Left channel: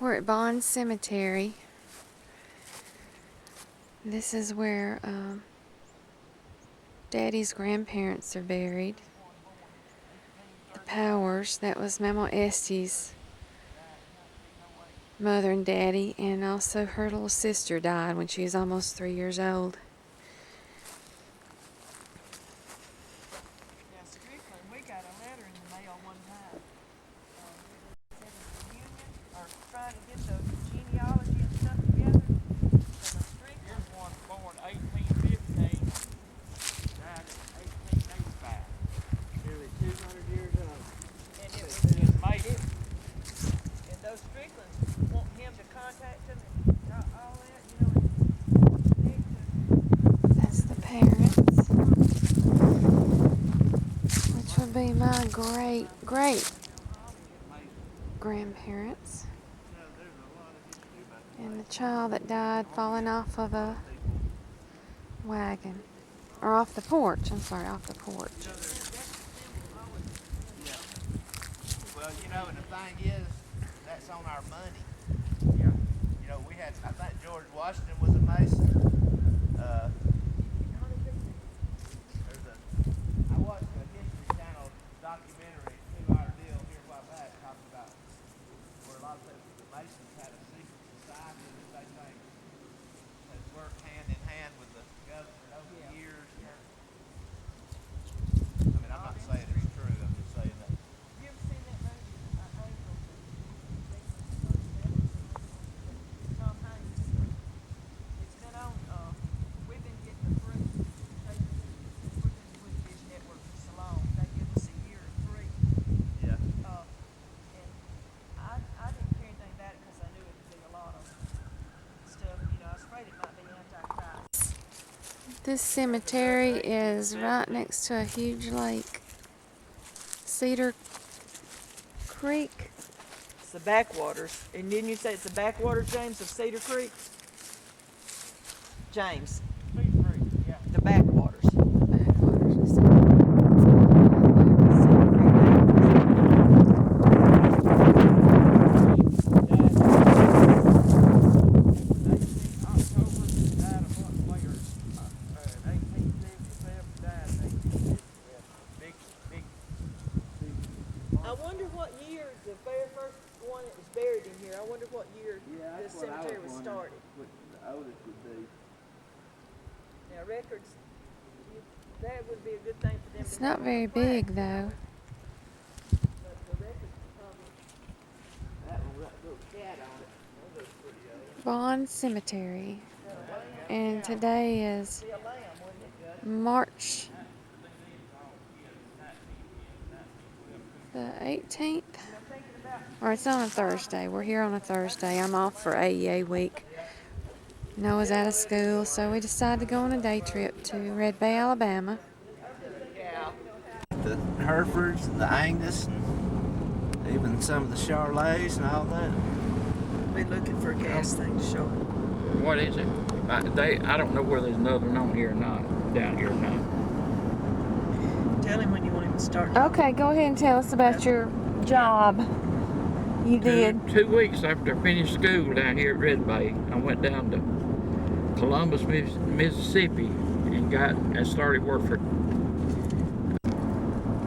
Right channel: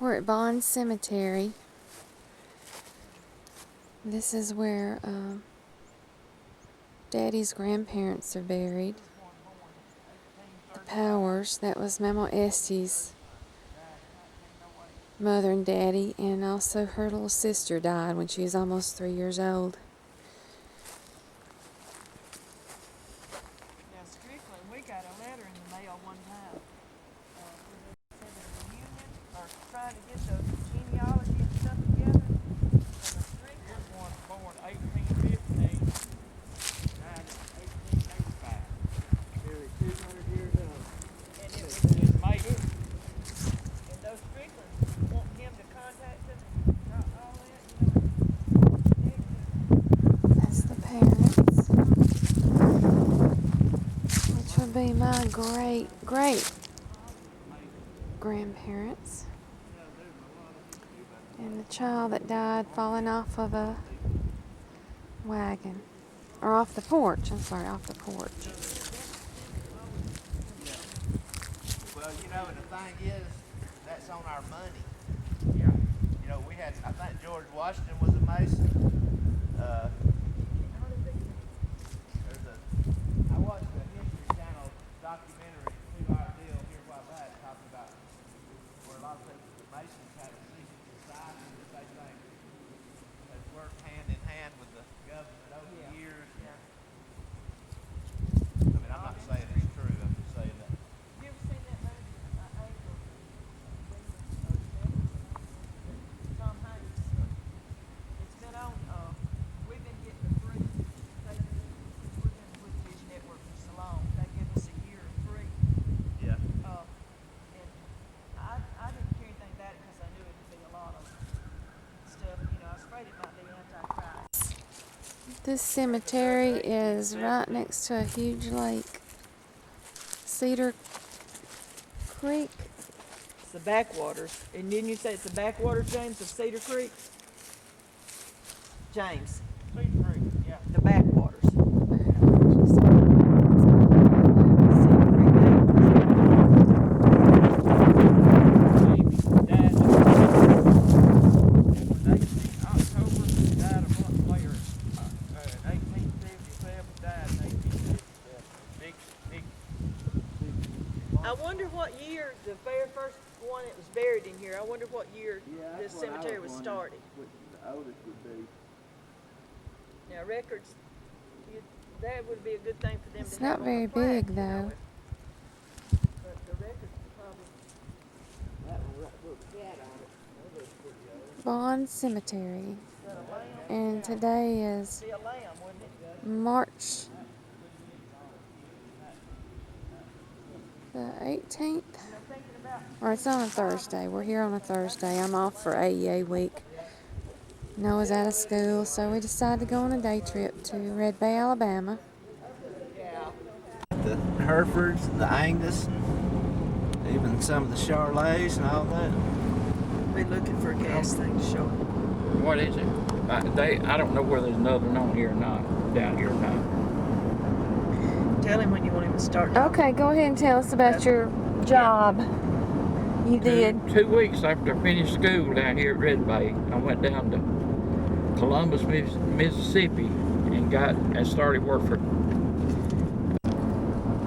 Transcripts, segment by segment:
We're at Bond Cemetery. This is where Daddy's grandparents are buried. The Powers, that was Mama Estie's mother and daddy, and also her little sister died when she was almost 3 years old. Now, Strickland, we got a letter in the mail one time where they said a reunion or trying to get the genealogy and stuff together. And a Strickland. Here's one born 1815, died in 1885. Nearly 200 years old. And it was in Macon. and those Stricklands want him to contact them and all that, you know, and connect to. That's the parents, which would be my great grandparents. And the child that died falling off of a wagon. Or off the porch. I'm sorry, off the porch. Well, you know, and the thing is, that's on our money. Yeah. You know, we had, I think George Washington was a Mason. I watched a History Channel documentary, 2-hour deal here a while back, talking about where a lot of people, the Masons had a secret society that they think has worked hand in hand with the government over the years. Yeah. I mean, I'm not saying it's true, I'm just saying that. You ever seen that movie, Angels and Demons, or Devils and Angels, Tom Hanks? It's been on, we've been getting the free, since we've been with Dish Network for so long, they give us a year of free. Yeah. And I didn't care anything about it because I knew it'd be a lot of stuff, you know, I was afraid it might be Antichrist. This cemetery is right next to a huge lake. Cedar Creek. It's the backwaters. And didn't you say it's the backwaters, James, of Cedar Creek? James, Cedar Creek, yeah. the backwaters. Backwaters, you said. Cedar Creek name. Died in 18 October, died a month later. In 1877, died in 1877. Big. I wonder what year the very first one that was buried in here. I wonder what year this cemetery was started. What the oldest would be. Now records, that would be a good thing for them It's to not have very on the plaque, big, you though. know. But the records would probably. That one, right, little cat on it. That looks pretty old. Bond Cemetery. Got a lamb. And today is Be a lamb, wouldn't it? March the 18th. You know, thinking about Or it's on a Thursday. We're here on a Thursday. I'm off for AEA week. Noah's out of school, so we decided to go on a day trip to Red Bay, Alabama. The Herefords and the Angus and even some of the Charolais and all that. be looking for a gas thing to show it. What is it? I don't know whether there's another one on here or not, down here or not. Tell him when you want him to start. Okay, go ahead and tell us about your job. You did. 2 weeks after I finished school down here at Red Bay, I went down to Columbus, Mississippi, and started work for.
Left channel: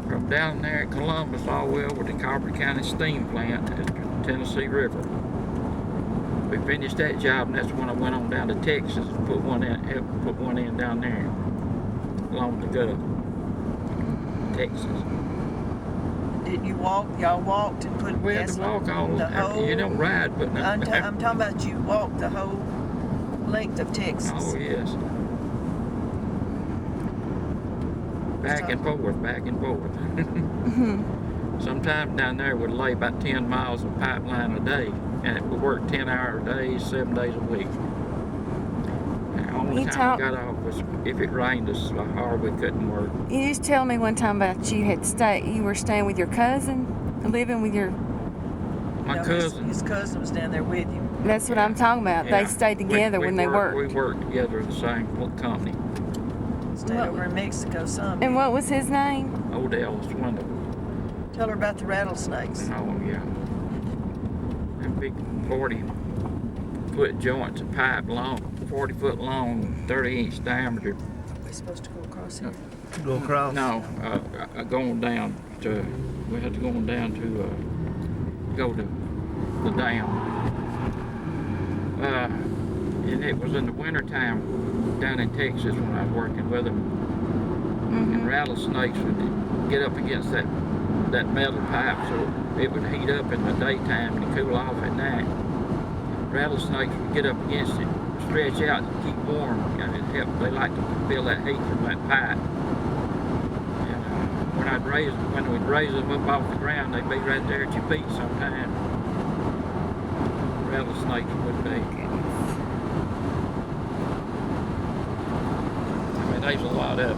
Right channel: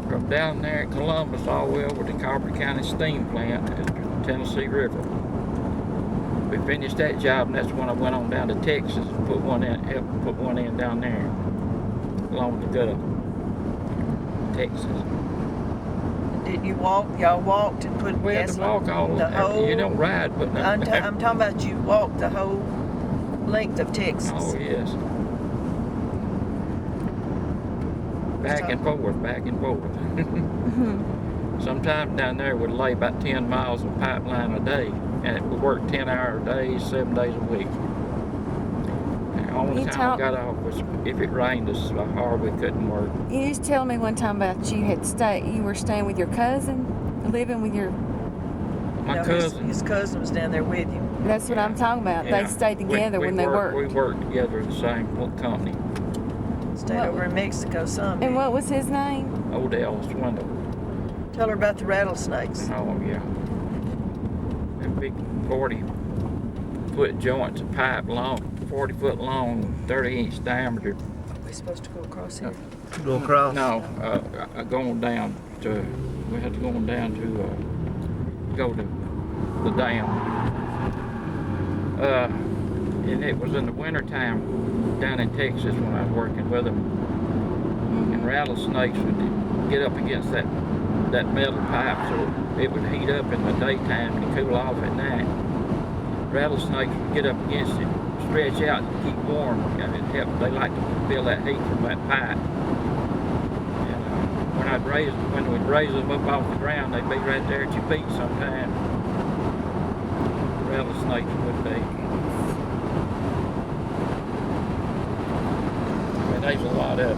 From down there at Columbus all the way over to Carver County Steam Plant at the Tennessee River. We finished that job, and that's when I went on down to Texas and helped put one in down there along the gut of Texas. Didn't you walk? Y'all walked and put We had gas to walk all the whole. you don't ride, but I'm talking about you walked the whole length of Texas. Oh yes. Back and forth. Sometimes down there we'd lay about 10 miles of pipeline a day, and it would work 10-hour days, 7 days a week. And the only time we got off was if it rained us so hard we couldn't work. You used to tell me one time about you were staying with your cousin, living with your. My No, cousin. His cousin was down there with you. That's what I'm talking about. Yeah. They stayed together when they worked. We worked together at the same company. Stayed over in Mexico some. And what was his name? Odell Swindle. Tell her about the rattlesnakes. Oh yeah. them big 40-foot joints of pipe long, 40-foot long, 30-inch diameter. Are we supposed to go across here? Go across. No, going down to, we had to go on down to go to the dam. And it was in the wintertime down in Texas when I was working with them. And rattlesnakes would get up against that metal pipe, so it would heat up in the daytime and cool off at night. Rattlesnakes would get up against it, stretch out and keep warm, and it helped. They like to feel that heat from that pipe. And when we'd raise them up off the ground, they'd be right there at your feet sometimes. Rattlesnakes would be. I mean, there's a lot of them.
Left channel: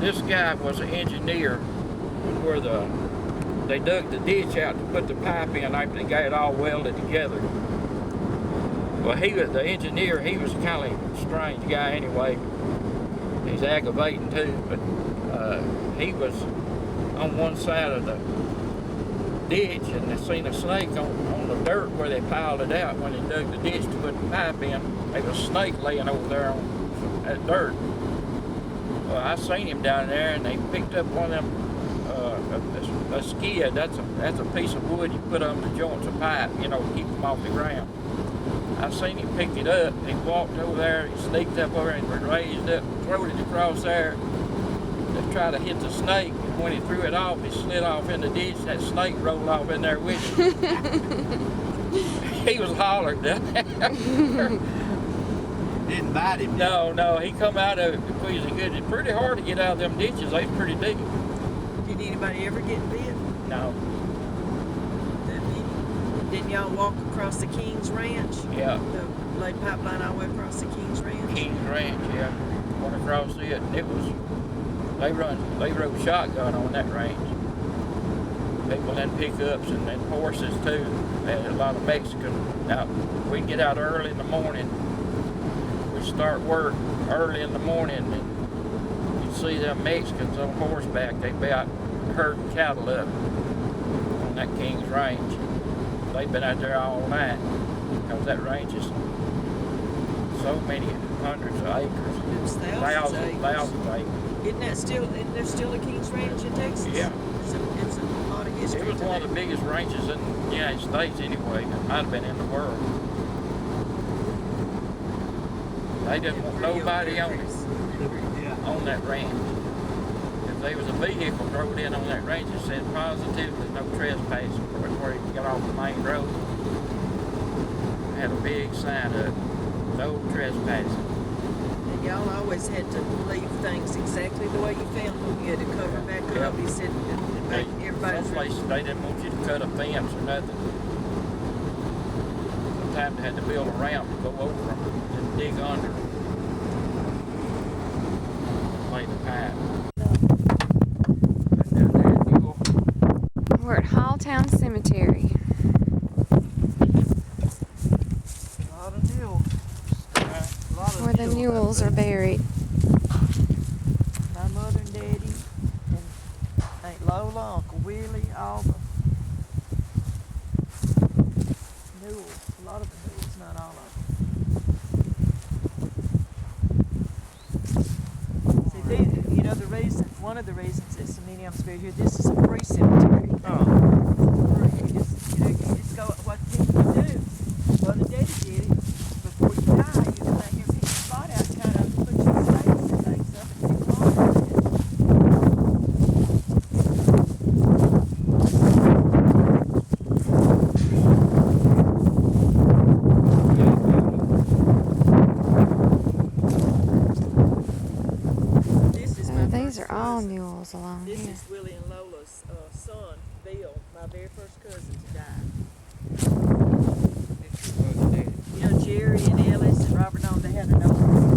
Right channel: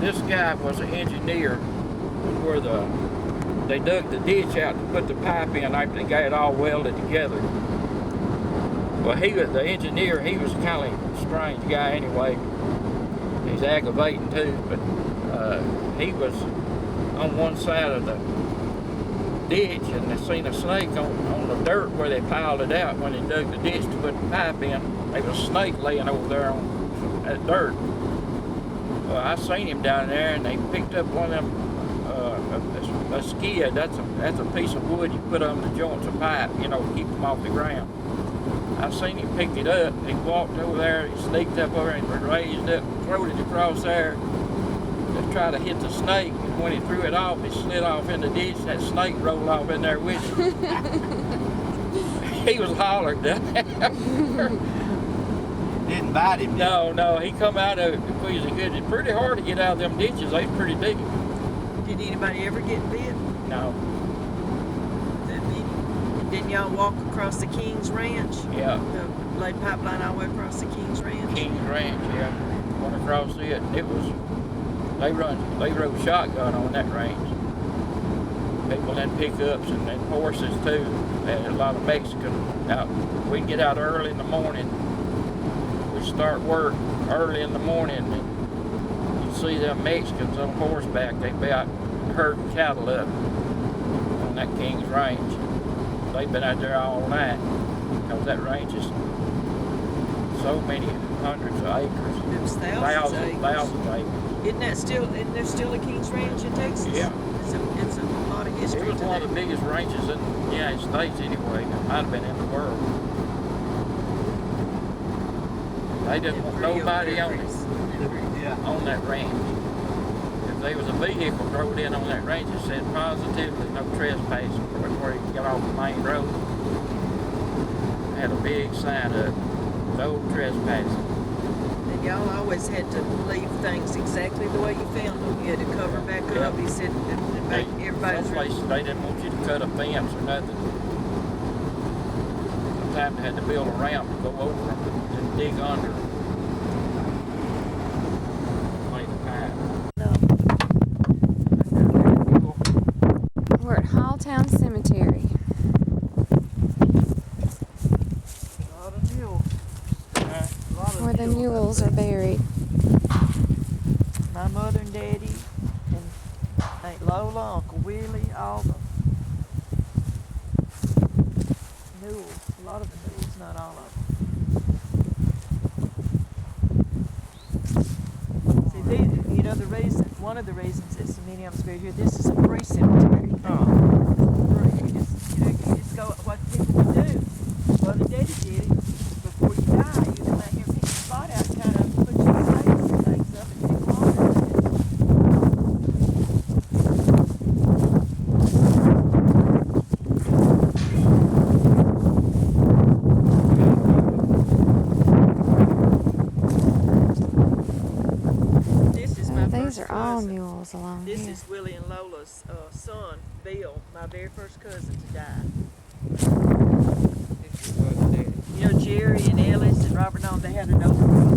This guy was an engineer where they dug the ditch out to put the pipe in after they got it all welded together. Well, the engineer, he was kind of a strange guy anyway. He's aggravating too, but he was on one side of the ditch and they seen a snake on the dirt where they piled it out when they dug the ditch to put the pipe in. There was a snake laying over there on that dirt. Well, I seen him down there, and they picked up one of them, a skid. That's a piece of wood you put on the joints of pipe, you know, to keep them off the ground. I seen him pick it up. He walked over there, he sneaked up over and raised up, threw it across there to try to hit the snake. And when he threw it off, it slid off in the ditch. That snake rolled off in there with him. He was hollering down there. Didn't bite him. No, he come out of it because it's pretty hard to get out of them ditches. They's pretty deep. Did anybody ever get bit? No. Didn't y'all walk across the King's Ranch? Yeah. Lay pipeline all the way across the King's Ranch? King's Ranch, yeah. Went across it, and it was, they rode shotgun on that range. People in pickups and then horses too. They had a lot of Mexicans out. We'd get out early in the morning. We'd start work early in the morning, and you'd see them Mexicans on horseback. They'd be out herding cattle up on that King's Range. They've been out there all night because that range is so many hundreds of acres. It was thousands of acres. Thousands of acres. Isn't there still a King's Ranch in Texas? Yeah. It's a lot of history. It was one of the biggest ranches in the United States anyway. It might have been in the world. They didn't want nobody on it, on that ranch. If there was a vehicle drove in on that ranch, it said positively no trespassing before you got off the main road. It had a big sign up, no trespassing. And y'all always had to leave things exactly the way you found them. You had to cover back up. He said everybody's Some places they didn't want you to cut a fence or nothing. Sometimes they had to build a ramp to go over them and dig under. Lay the pipe. Down there at Newell. We're at Halltown Cemetery. a lot of Newell. Where the Newells are buried. My mother and daddy and Aunt Lola, Uncle Willie, all the Newells, a lot of the Newells, not all of them. See, these, you know, one of the reasons that so many of them's buried here, this is a free cemetery. Oh. It's free. You just go, what people would do, Mother and Daddy did it, before you die, you come out here and pick your spot out, kind of put your stakes and things up and pick water in it. These are all Newells along This here. is Willie and Lola's son, Bill, my very first cousin to die. This is Mother and Daddy. You know, Jerry and Ellis and Robert Long, they had an older brother.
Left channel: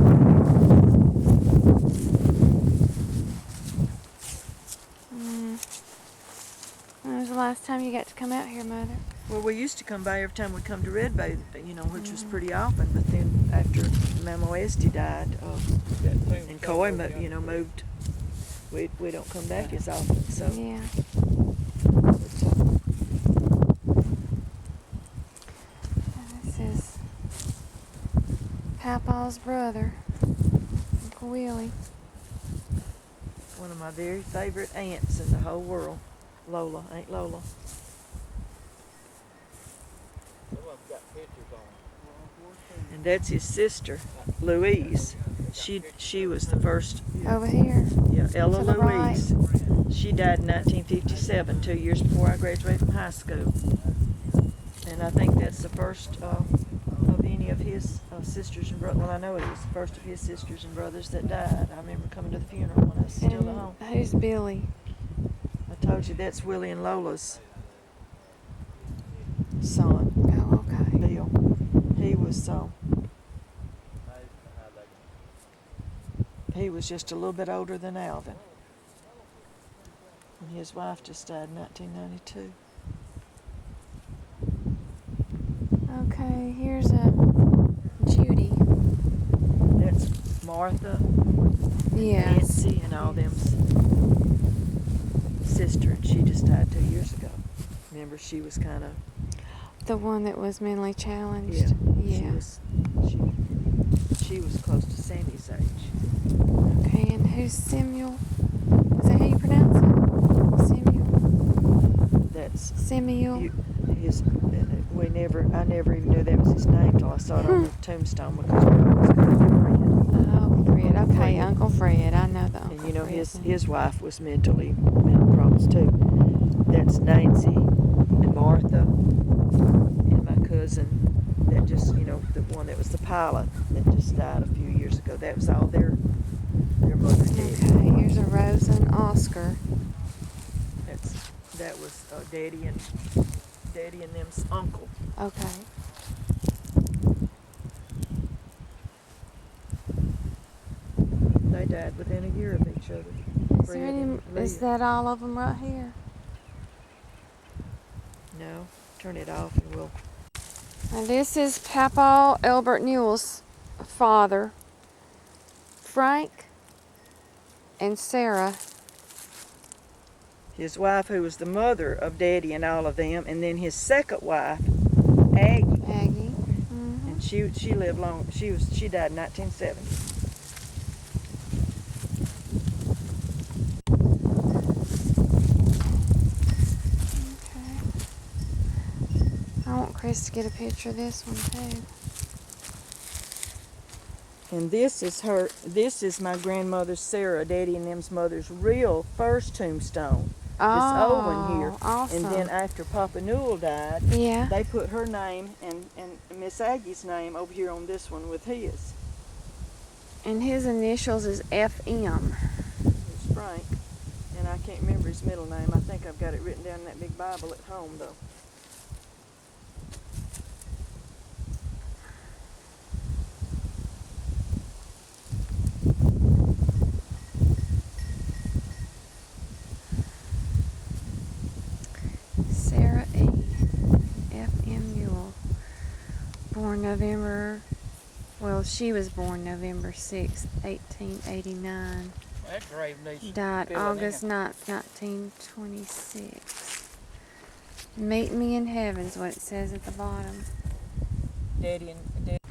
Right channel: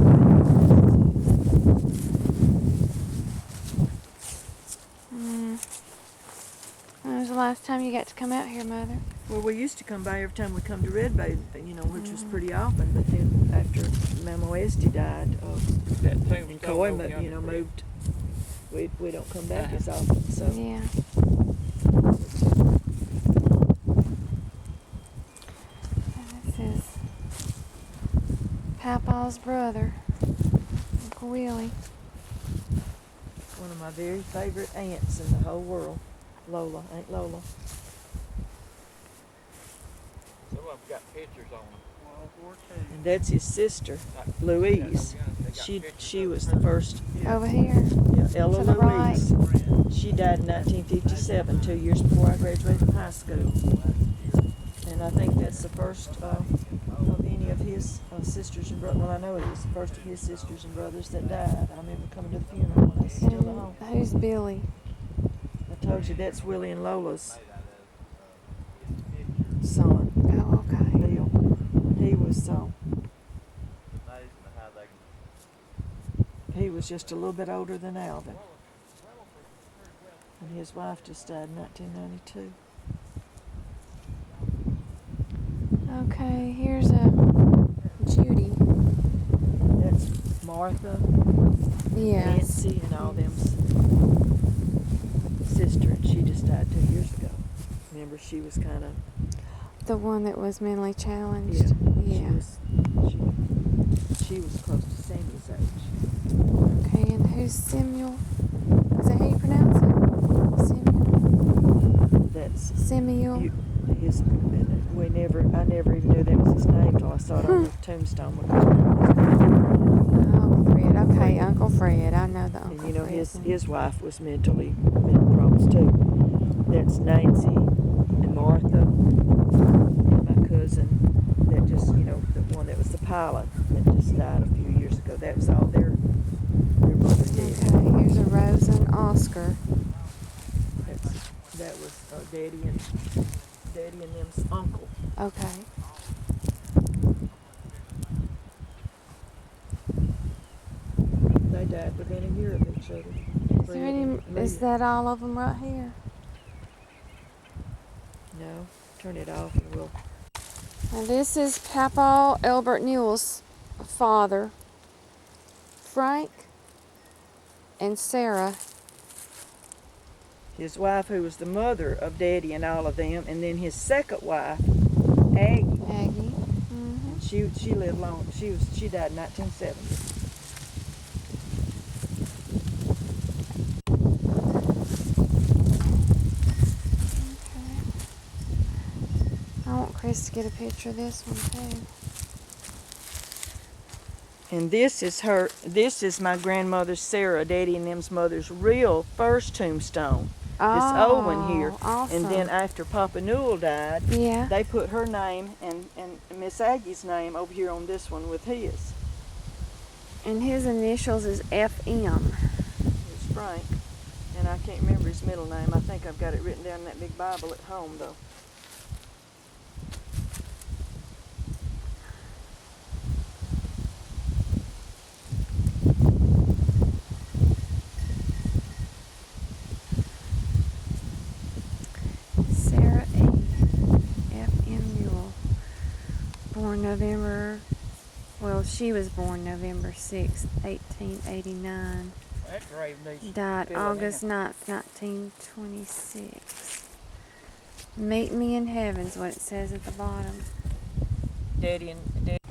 When was the last time you got to come out here, Mother? Well, we used to come by every time we come to Red Bay, you know, which was pretty often. But then after Mama Esty died, and Coy, moved, we don't come back as often. So Yeah. And this is Papa's brother, Uncle Willie. One of my very favorite aunts in the whole world. Lola, Aunt Lola. Some of them got pictures on them. And that's his sister, Louise. She was the first. Over here. Yeah, Ella To the right. Louise. She died in 1957, 2 years before I graduated from high school. And I think that's the first of any of his sisters and brothers. Well, I know it is the first of his sisters and brothers that died. I remember coming to the funeral when I was still at home. And who's Billy? I told you that's Willie and Lola's son, Oh, okay. Bill. He was he was just a little bit older than Alvin. And his wife just died in 1992. Okay, here's a Judy. That's Martha, Yes. Nancy, and all them's sister, and she just died 2 years ago. Remember, she was kind of The one that was mentally challenged. yeah. Yeah. She was close to Sammy's age. Okay, and who's Samuel? Is that how you pronounce it? Samuel? That's Samuel? I never even knew that was his name till I saw it on the tombstone because we always called him Fred. Oh, Fred. Uncle Okay, Fred. Uncle Fred. I know the Uncle And you know Fred. his wife was mental problems too. That's Nancy and Martha and my cousin that just the one that was the pilot that just died a few years ago. That was all their mother did. Okay, here's a Rosa and Oscar. That was Daddy and them's uncle. Okay. They died within a year of each other. Is Fred there any? and Is Leah. that all of them right here? No, turn it off and we'll. Now this is Papa Albert Newell's father, Frank and Sarah. His wife, who was the mother of Daddy and all of them, and then his second wife, Aggie. Aggie. And she lived long. She died in 1970. Okay. I want Chris to get a picture of this one too. And this is my grandmother Sarah, Daddy and them's mother's real first tombstone. This old one here. Awesome. And then after Papa Newell died, Yeah. they put her name and Miss Aggie's name over here on this one with his. And his initials is FM. It's Frank. And I can't remember his middle name. I think I've got it written down in that big Bible at home though. Sarah A. F.M. Newell. Born November, well, she was born November 6th, 1889. That grave needs Died filling August in. 9th, 1926. Meet me in heaven's what it says at the bottom. Daddy that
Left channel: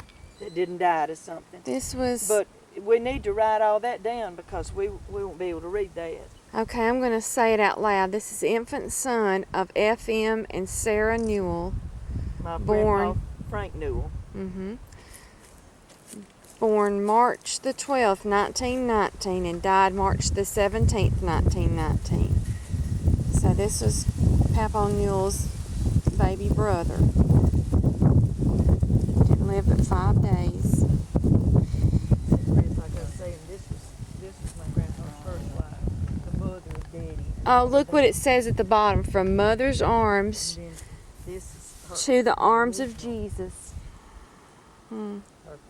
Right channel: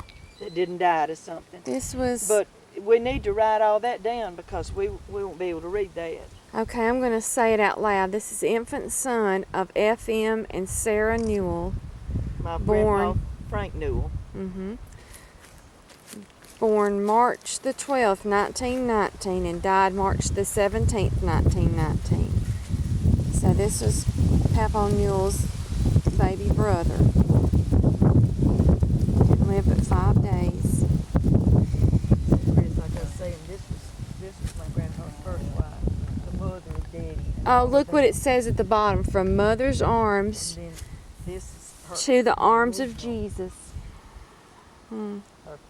didn't die to something. This was... But we need to write all that down because we won't be able to read that. Okay, I'm going to say it out loud. This is infant son of F.M. and Sarah Newell. My Born- grandpa, Frank Newell. Born March the 12th, 1919, and died March the 17th, 1919. So this was Papa Newell's baby brother. Didn't live but 5 days. Chris, like I was saying, this was my grandpa's first wife, the mother of Daddy. And Oh, all look of what them. it says at the bottom. From mother's arms And then this is her to the arms of Jesus. her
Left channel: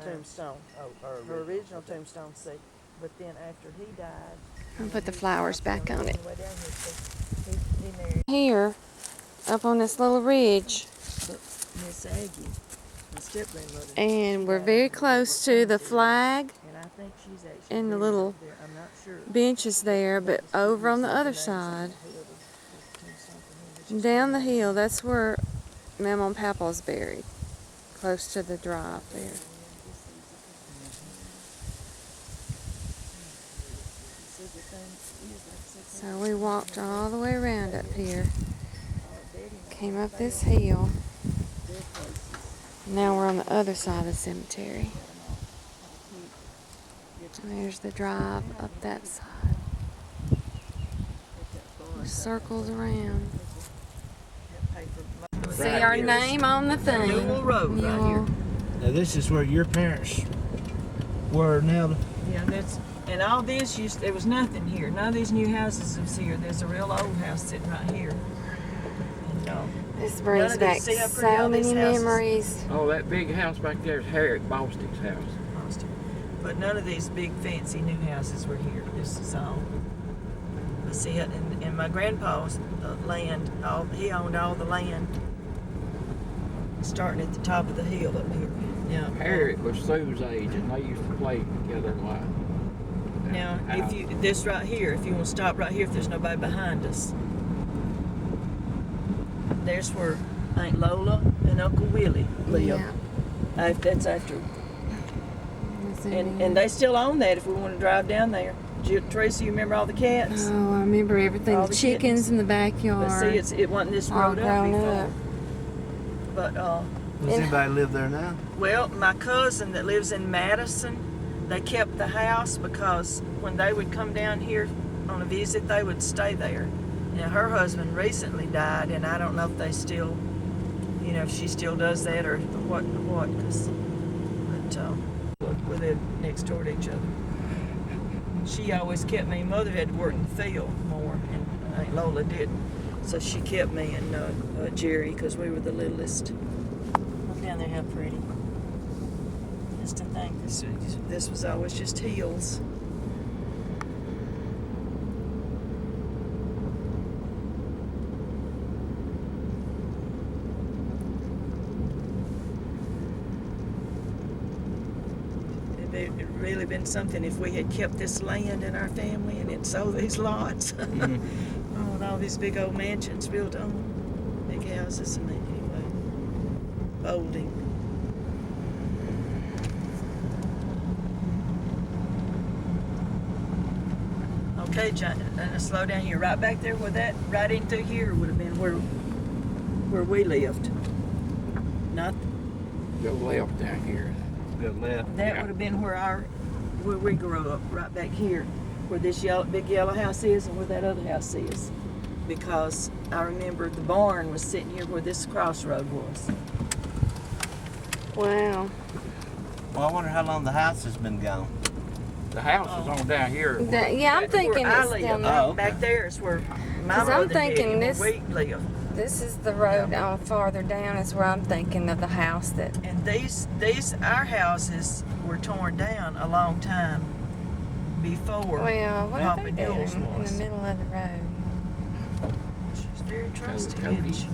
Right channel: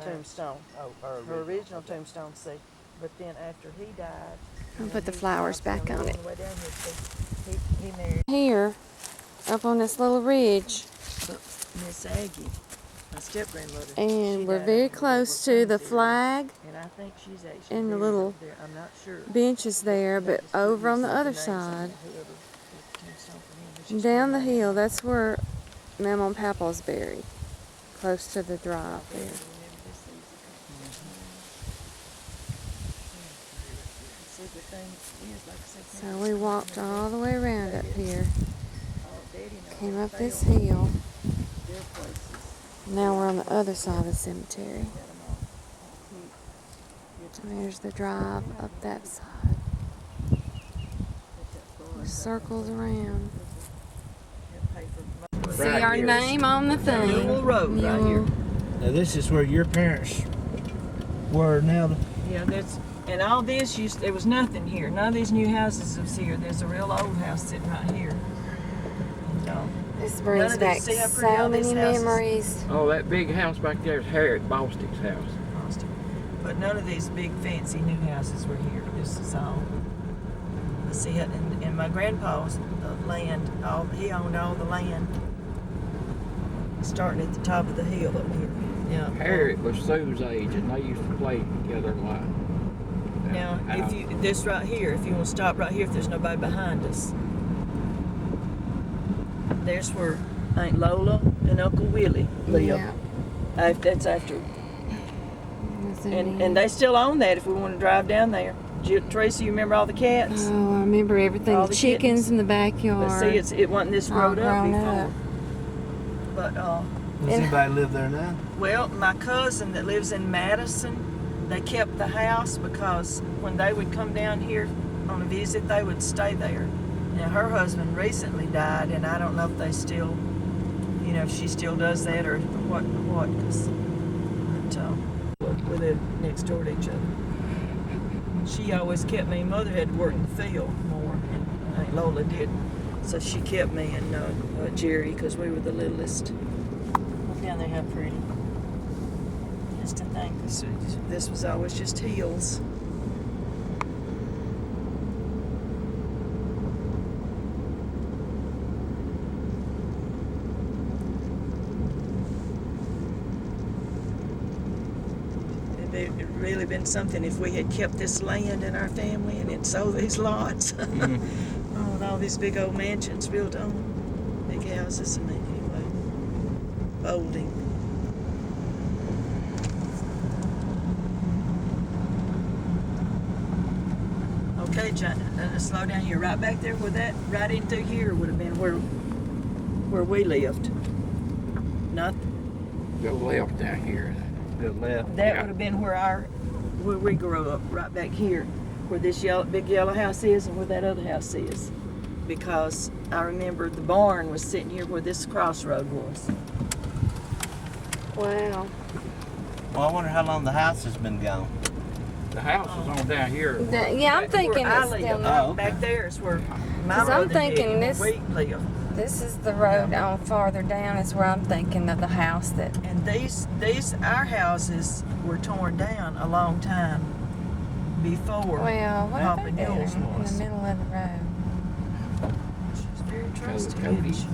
tombstone. Her original tombstone, see. But then after he died, I'll put the flowers back on it. way down here, see, he married Here, up on this little ridge. Miss Aggie, my step grandmother. And we're very close to the flag And I think she's actually and the buried little up there. I'm not sure. benches there, but over on the other side Down the hill, that's where Mama and Papa's buried. Close to the drive there. So we walked all the way around up here. Came up this hill. Now we're on the other side of the cemetery. And there's the drive up that side. It circles around. See our name on the thing. Newell Road right here. Newell. Now this is where your parents were now. Yeah, that's, and all this there was nothing here. None of these new houses was here. There's a real old house sitting right here. And, This none brings of back these- see how pretty so all these many houses- memories. Oh, that big house back there is Harriet Bostic's house. but none of these big fancy new houses were here. This is all. See it, and my grandpa's land. He owned all the land, starting at the top of the hill up here. Yeah. Harriet was Sue's age, and they used to play together a lot. Now, if you this right here, if you want to stop right here, if there's nobody behind us, there's where Aunt Lola and Uncle Willie live. Yeah. That's after, That's it, and yeah. they still own that. If we want to drive down there, Teresa, you remember all the cats? Oh, I remember everything. All The the chickens kittens. in the But backyard. see, it wasn't this all road up grown before. up. But Does And- anybody live there now? well, my cousin that lives in Madison, they kept the house because when they would come down here on a visit, they would stay there. Now her husband recently died, and I don't know if they still, if she still does that or what. But we live next door to each other. She always kept me. Mother had to work in the field more, and Aunt Lola didn't. So she kept me and Jerry because we were the littlest. Look down there how pretty. Just to think this was always just hills. It'd really been something if we had kept this land in our family and had sold these lots. Mhm. Oh, and all these big old mansions built on big houses. And anyway, folding. Okay, John, slow down here. Right back there where that, right in through here would have been where we lived. Not Go left down here. Go left. that Yeah. would have been where we grew up, right back here, where this big yellow house is and where that other house is. Because I remember the barn was sitting here where this crossroad was. Wow. Well, I wonder how long the house has been gone. The house is on down here. Yeah, I'm thinking where I it's live. down Oh, there. okay. Back there is where my 'Cause I'm mother and thinking daddy, this- where we live. This is the road on farther down is where I'm thinking of the house that. And our houses were torn down a long time before Well, what are Papa they doing Newell's in the was. middle of the road? She's very trusting. Cody. isn't she?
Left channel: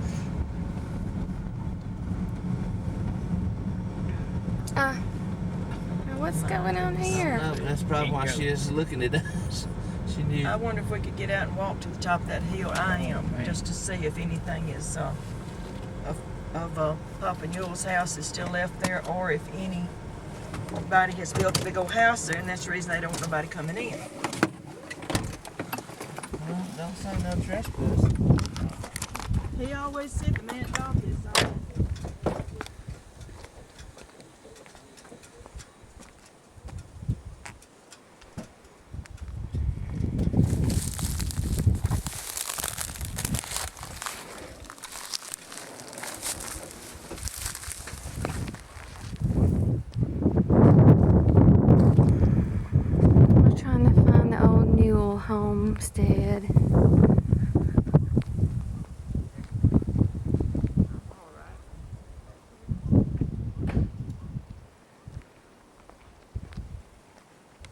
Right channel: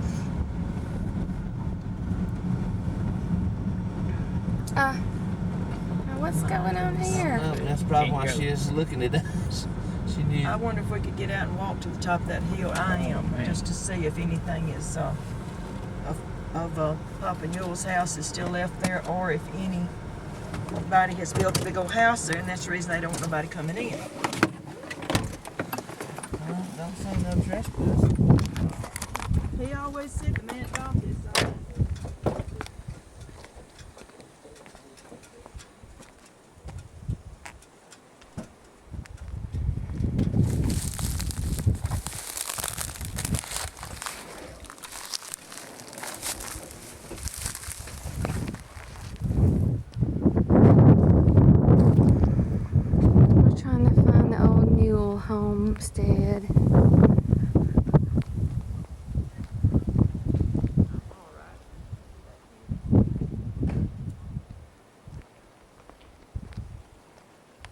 Now what's going on here? No, that's probably why she is looking at us. She knew. I wonder if we could get out and walk to the top of that hill. I am, Man. just to see if anything is of Papa Newell's house is still left there, or if anybody has built a big old house there, and that's the reason they don't want nobody coming in. Well, don't say no trespass. He always said the man bought this. We're trying to find the old Newell homestead.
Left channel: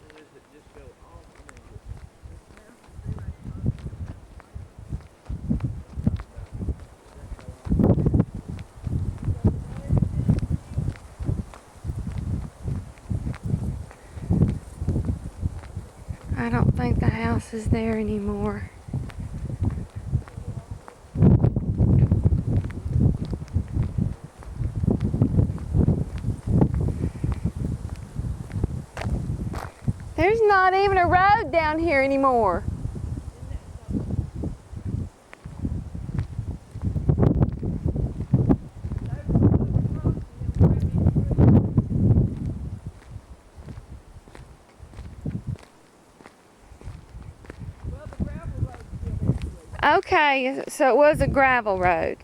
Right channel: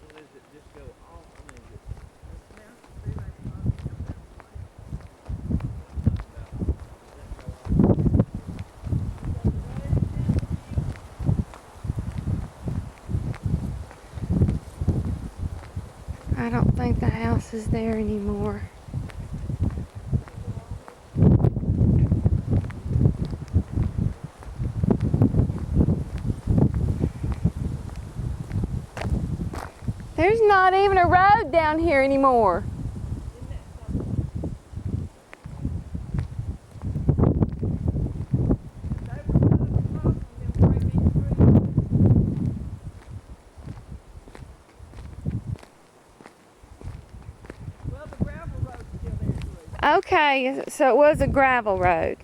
Does it just go off? I mean, I don't think the house is there anymore. There's not even a road down here anymore. Isn't that something? They were kind of across from them great big trees. Well, the gravel road's still there, Theresa. Okay, so it was a gravel road.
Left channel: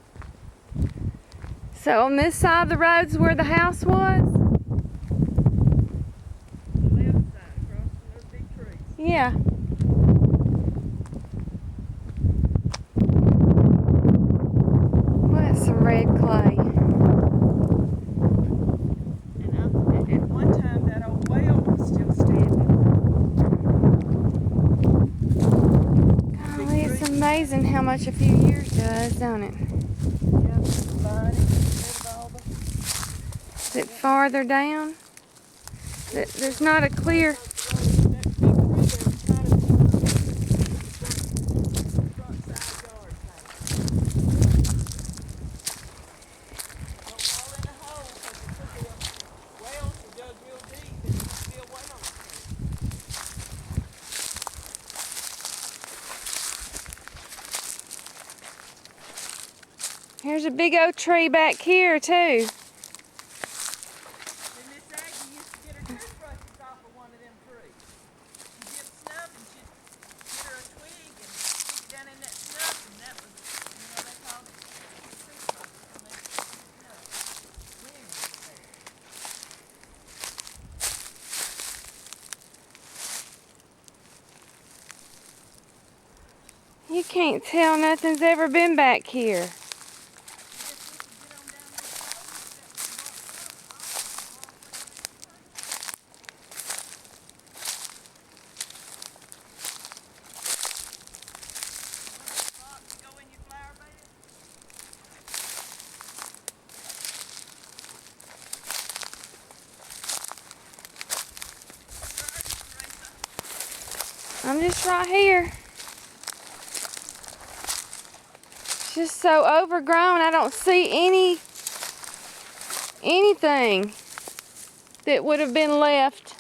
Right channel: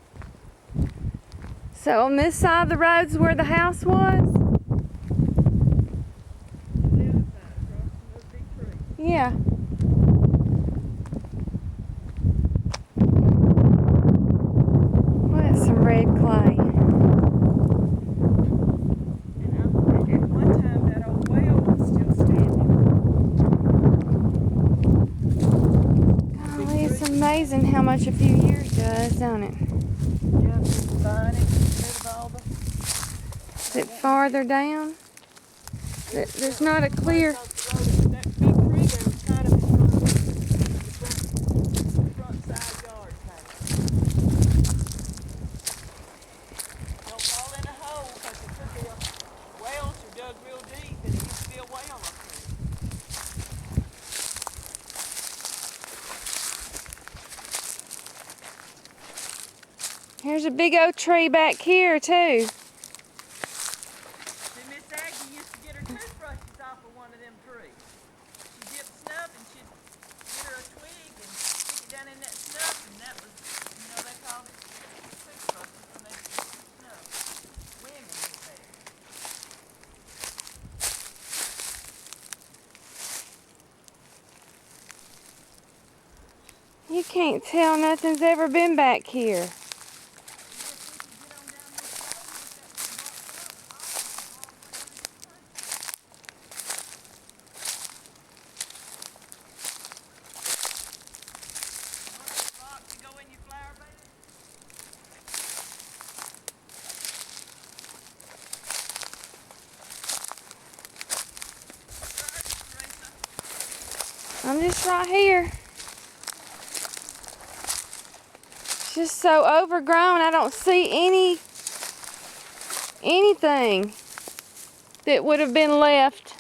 So on this side of the road's where the house was? The left side, across from those big trees. Yeah. Well, that's some red clay. And at one time, that old well was still standing. Golly, it's amazing how much a few years does, don't it? Yeah, people buying it, getting rid of all the... Is it farther down? There's not a clear... That big tree there was kind of in front of the front side yard, kind of. Don't fall in a hole, because it could be a wells are dug real deep, and it used to be a well up there. Here's a big oak tree back here, too. See, Miss Aggie used to get her toothbrushes off of one of them trees. She'd dip snuff, and she'd get her a twig and stick it down in that snuff, and that was, they called it toothbrushes when they did snuff. Women did that. You can't tell nothing's ever been back here. I'm just right here. It's just so overgrown, I don't see anything that would have been left.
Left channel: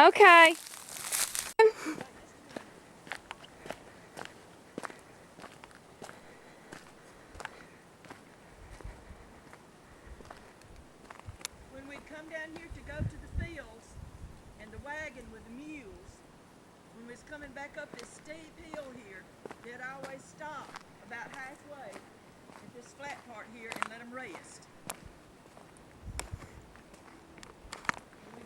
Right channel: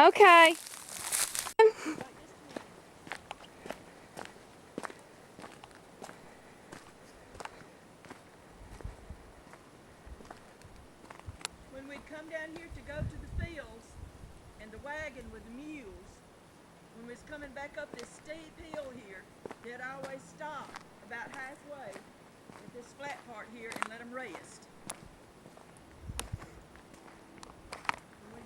Okay. When we'd come down here to go to the fields, and the wagon with the mules, when we was coming back up this steep hill here, they'd always stop about halfway at this flat part here and let them rest. And we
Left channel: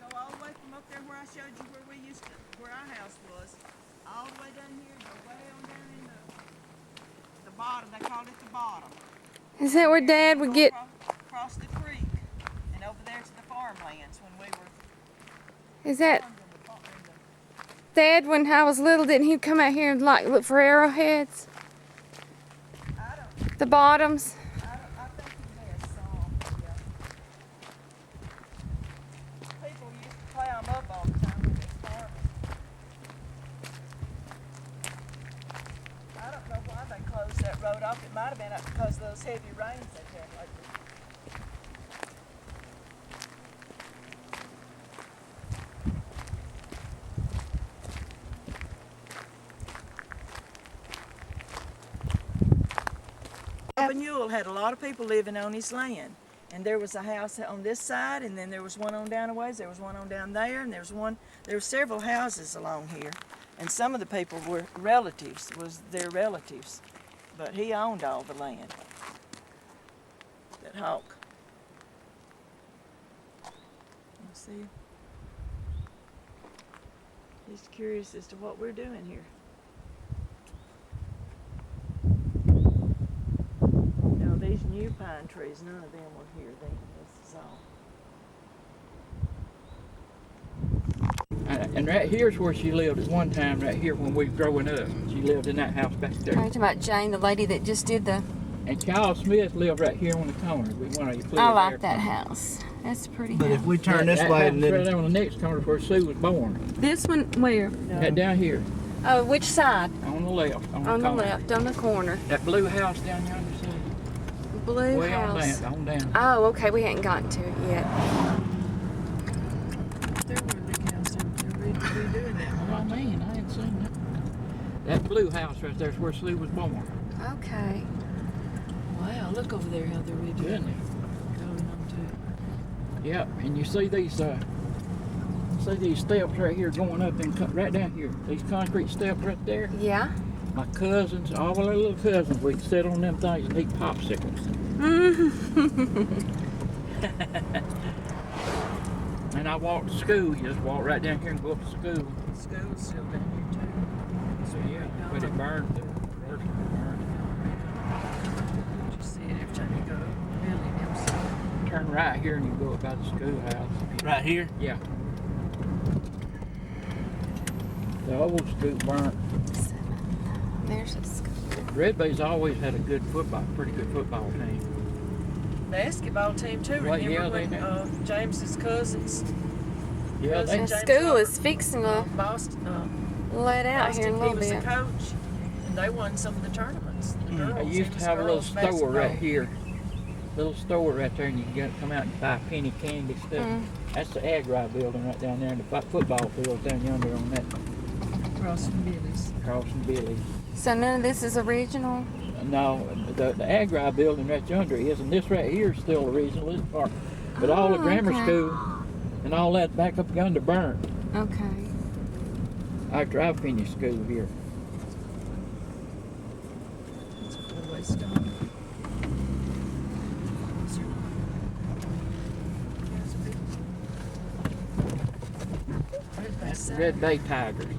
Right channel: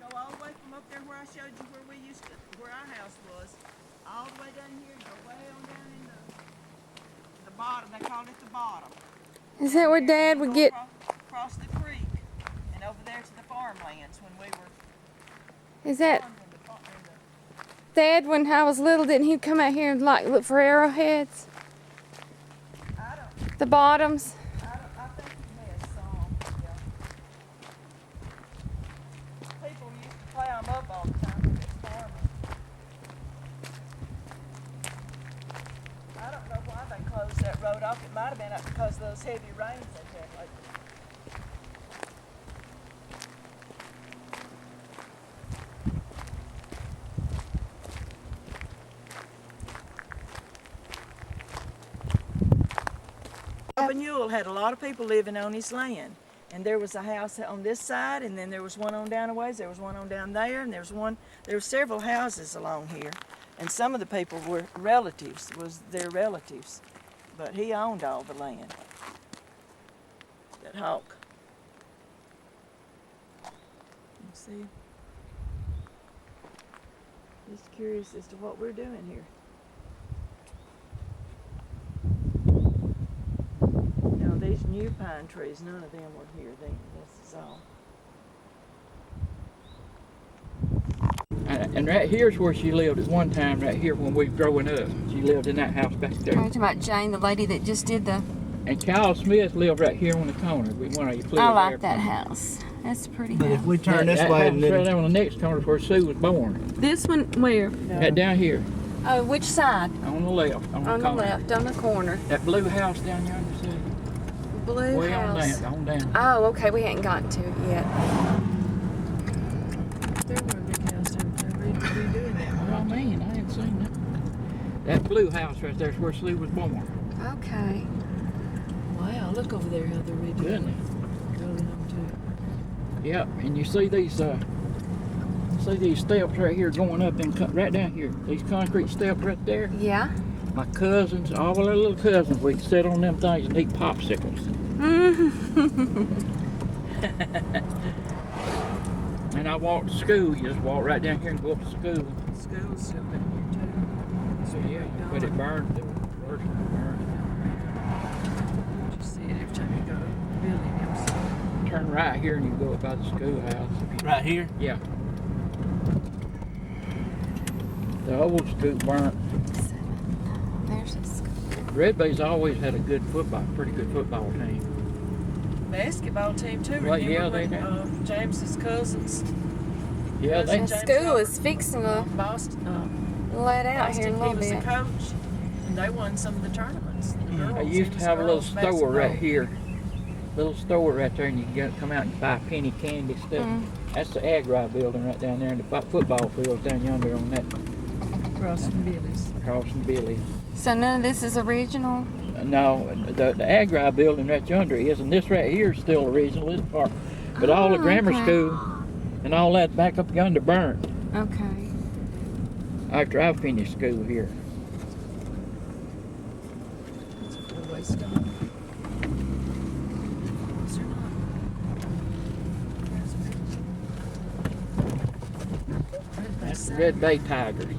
go all the way from up there where I showed you where our house was, all the way down here, go way on down in the bottom. They called it the bottom. Is that where Dad would get... Across the creek and over there to the farmlands when we were... Is that... Dad, when I was little, didn't he come out here and look for arrowheads? I don't... The bottoms? I think he has some, yeah. People used to plow them up all the time when they're farming. I don't know why they closed that road off. It might have been because of those heavy rains they've had lately. Papa Newell had a lot of people living on his land. And there was a house on this side, and then there was one on down a ways, there was one on down there, and there were several houses along here. And some of the people were relatives, was their relatives. But he owned all the land. That hawk. You see? Just curious as to what we're doing here. Now these new pine trees, none of them were here then. This is all. And right here's where she lived at one time, right here when we was growing up. She lived in that house back Are you there. talking about Jane, the lady that just did the... And Charles Smith lived right here on the corner. We one of you flew I there like that from- house. That's a pretty But house. if we turn That this house way and right then there on the next corner is where Sue was born. This one, where? Right down here, Oh, which side? on the left, on the On the corner. left, on the corner. That blue house down yonder, see? Blue Way house. on down. Oh, okay, we hadn't gotten to it yet. There were a big house there, redoing that. What I mean, I ain't seen that. That blue house right there is where Sue was born. Okay. Wow, look over there how they're redoing Goodness. it. Going on to. Yep, and you see these steps right here going up and right down here. These concrete steps right there. Yeah. My cousins, all our little cousins, we sit on them things and eat popsicles. And I walk to school. You just walk right down here and go up to school. School's still down here too. So yeah, but it burned. The worst of it burned. You see it every time you go. Really, never Turn right here and you go up by the schoolhouse. right here. Yeah. The old school burnt. There's a school. Red Bay's always had a good football, pretty good football team. basketball team too. Well, Remember yeah, they when have. James's cousins, Yeah, they. The James school Hubbard. is fixing to Boston, let out here in a he little was bit. the coach, and they won some of the tournaments. The girls, I used it to was have a little girls store basketball. right here. Little store right there, and you can come out and buy penny candy stuff. Mm. That's the Agri building right down there, and the football field's down yonder on that Across from Billy's. across from Billy's. So none of this is original? No, the Agri building right yonder is, and this right here is still original, this part. But all the Oh, grammar okay. school and all that back up yonder burnt Okay. after I finished school here. It's a good way to start. Is there not? There's a big- Red Bay That's the Side. Red Bay Tigers.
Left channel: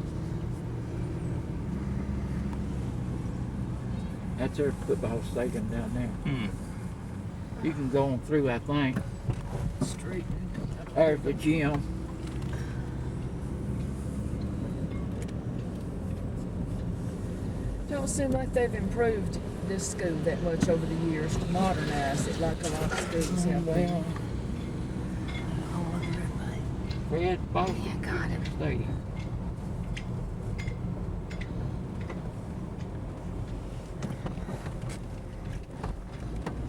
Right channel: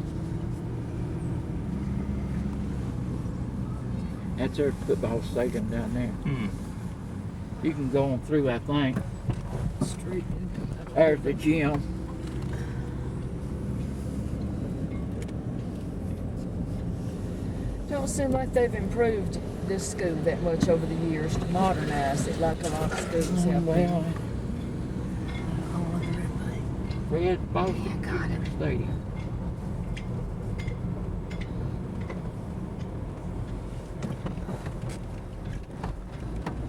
That's their football stadium down there. You can go on through, I think. Street. There's the gym. Don't seem like they've improved this school that much over the years to modernize it like a lot of schools have. Well, Oh, Red Bay. Red Boston Yeah, got it. Stadium.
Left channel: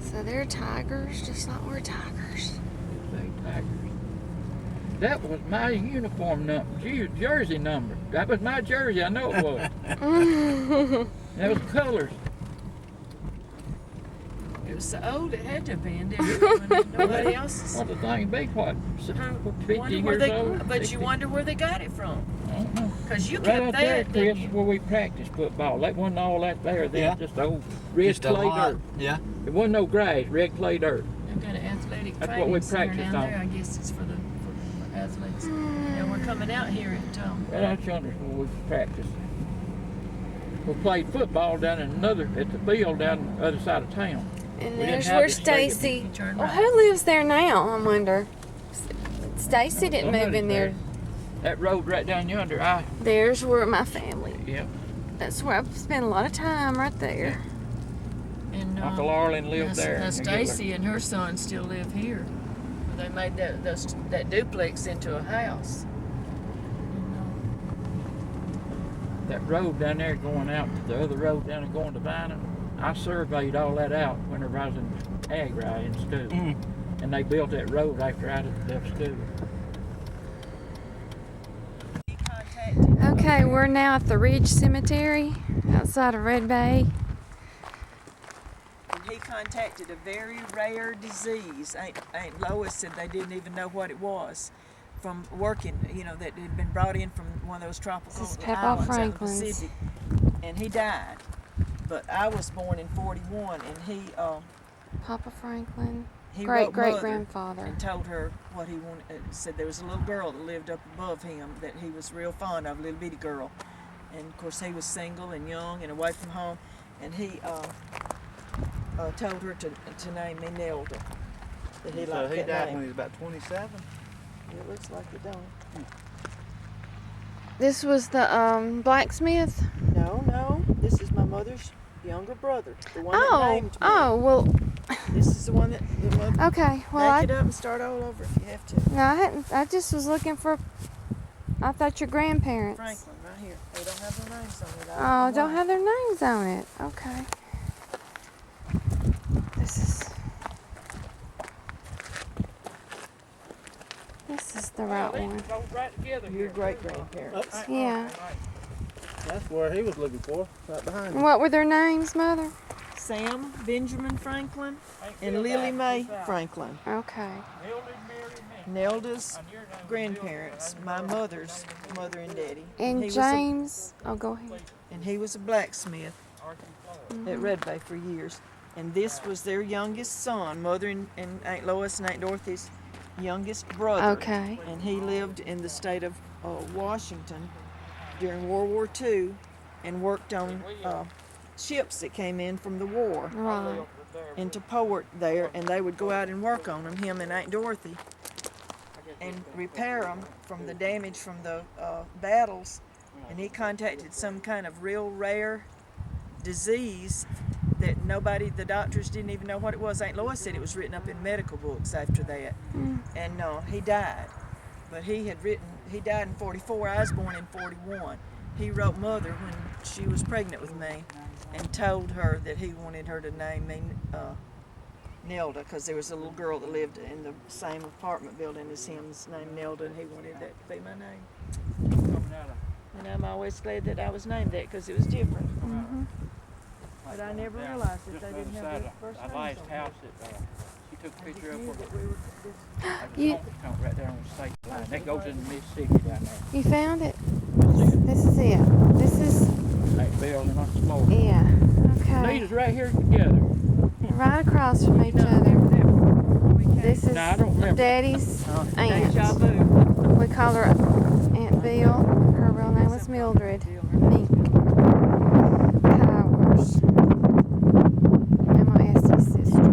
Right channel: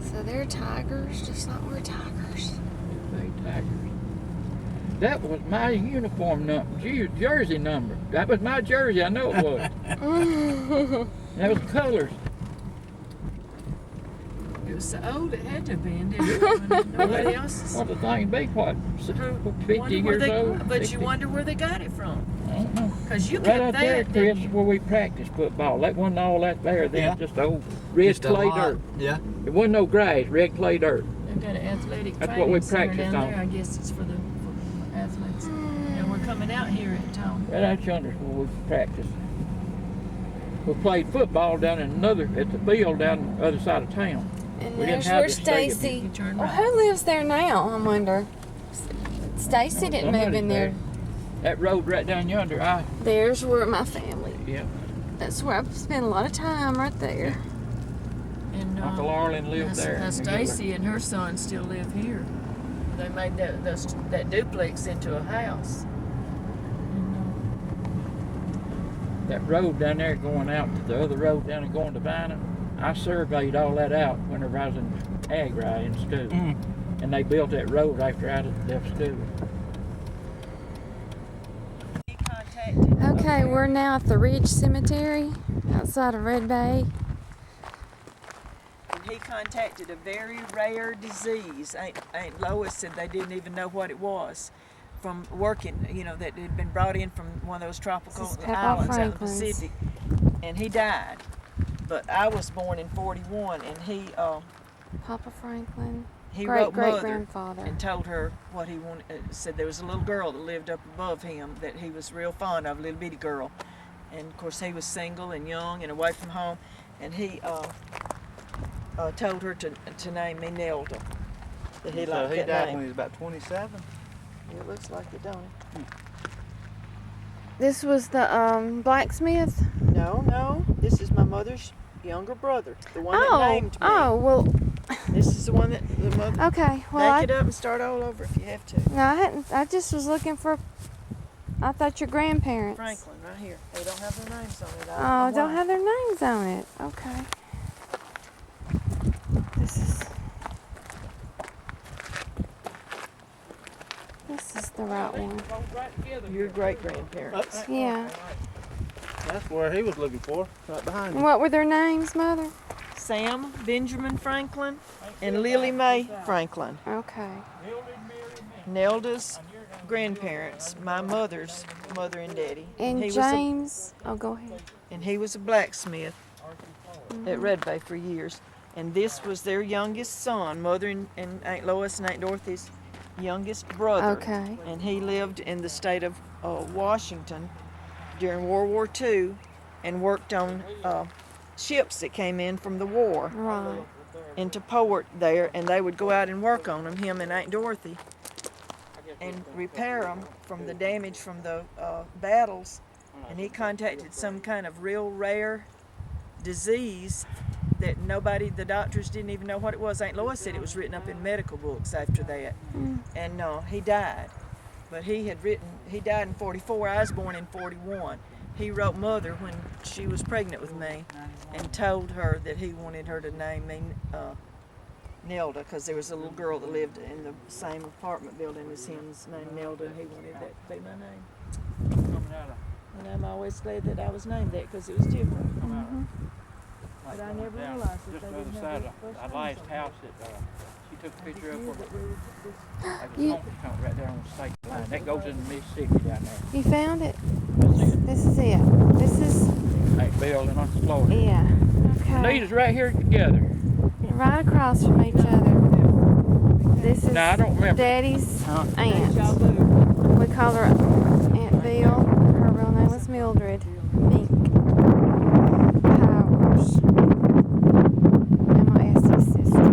So they're tigers, just like we're tigers. Red Bay Tigers. That was my uniform number, jersey number. That was my jersey, I know it was. That was colors. It was so old it had to have been, didn't it? When nobody else's. What the thing be, what, Wonder 50 where years they, old? But 60? you wonder where they got it from. I don't know. Because you Right kept out there, that, Chris, didn't is you? where we practiced football. That wasn't all that there then, Yeah. just old red Just a clay lot. dirt. Yeah. It wasn't no grass, red clay dirt. They've got an athletic That's what we training center practiced down on. there. I guess it's for the for athletes. And we're coming out here at Right out yonder is where we practiced. We played football down in at the field down the other side of town. And We didn't there's have where the stadium. Stacy. You turn Well, right. who lives there now? I wonder. Stacy didn't move in there. That road right down yonder, There's where my family. yeah. That's where I've spent a lot of time right there. And Uncle Arlen lived there. Now Stacy and her son still live here. They made that duplex into a house. That road down there going out to the other road down there going to Bynum, I surveyed all that out whenever I was in Agri in school. And they built that road after I left school. He contacted. Okay, we're now at the Ridge Cemetery outside of Red Bay. And he contacted a very rare disease. Aunt Lois said they didn't even know what it was from working, that had been brought in from one of those tropical This is Papa islands out in the Franklin's. Pacific. And he died. But I was born in 41, and Papa Franklin. he Great wrote great Mother grandfather. and told her what he wanted. Said there was a little girl that lived up above him that he was real fond of, a little bitty girl. And of course he was single and young and away from home, and he told her to name me Nelda. That he So liked he that died name. when he was about 27. It looks like it, don't it? This was the blacksmith. No, this is my mother's younger brother, the one Oh, that named me. oh, well, This is the one that the mother. okay. Well, Back it up and start all over if you have to. no, I hadn't. I just was looking for. I thought your grandparents. Franklin, right here. They don't have their names on it. Oh, don't have their names on it. Okay. This is the right one. Your great grandparents. Yeah. That's where he was looking for, right behind him. What were their names, Mother? Sam Benjamin Franklin and Lily Mae Franklin. Okay. Nelda's grandparents, my mother's mother and daddy. And he James. Oh, go ahead. And he was a blacksmith at Red Bay for years. And this was their youngest son, mother and Aunt Lois and Aunt Dorothy's youngest brother. Okay. And he lived in the state of Washington during World War II and worked on ships that came in from the war Right. into port there, and they would go out and work on them, him and Aunt Dorothy, and repair them from the damage from the battles. And he contacted some kind of real rare disease that the doctors didn't even know what it was. Aunt Lois said it was written up in medical books after that. And he died. But he died in 44, I was born in 41. He wrote Mother when she was pregnant with me and told her that he wanted her to name me Nelda, because there was a little girl that lived in the same apartment building as him's named Nelda, and he wanted that to be my name. And I'm always glad that I was named that, because it was different. But I never realized that they didn't have the first names last on house it. that she took a picture of Knew for that we were this- You- right there on the state line. That goes into Mississippi down there. You found it? That's it. This is it. This is, Ain't Bill and us Florida. yeah. Okay. These is right here together. Right across from each other. This is No, I don't remember. Daddy's aunt. Deja vu. We call her Aunt Bill. Her real name was Mildred Mink Powers. Emma Essie's sister.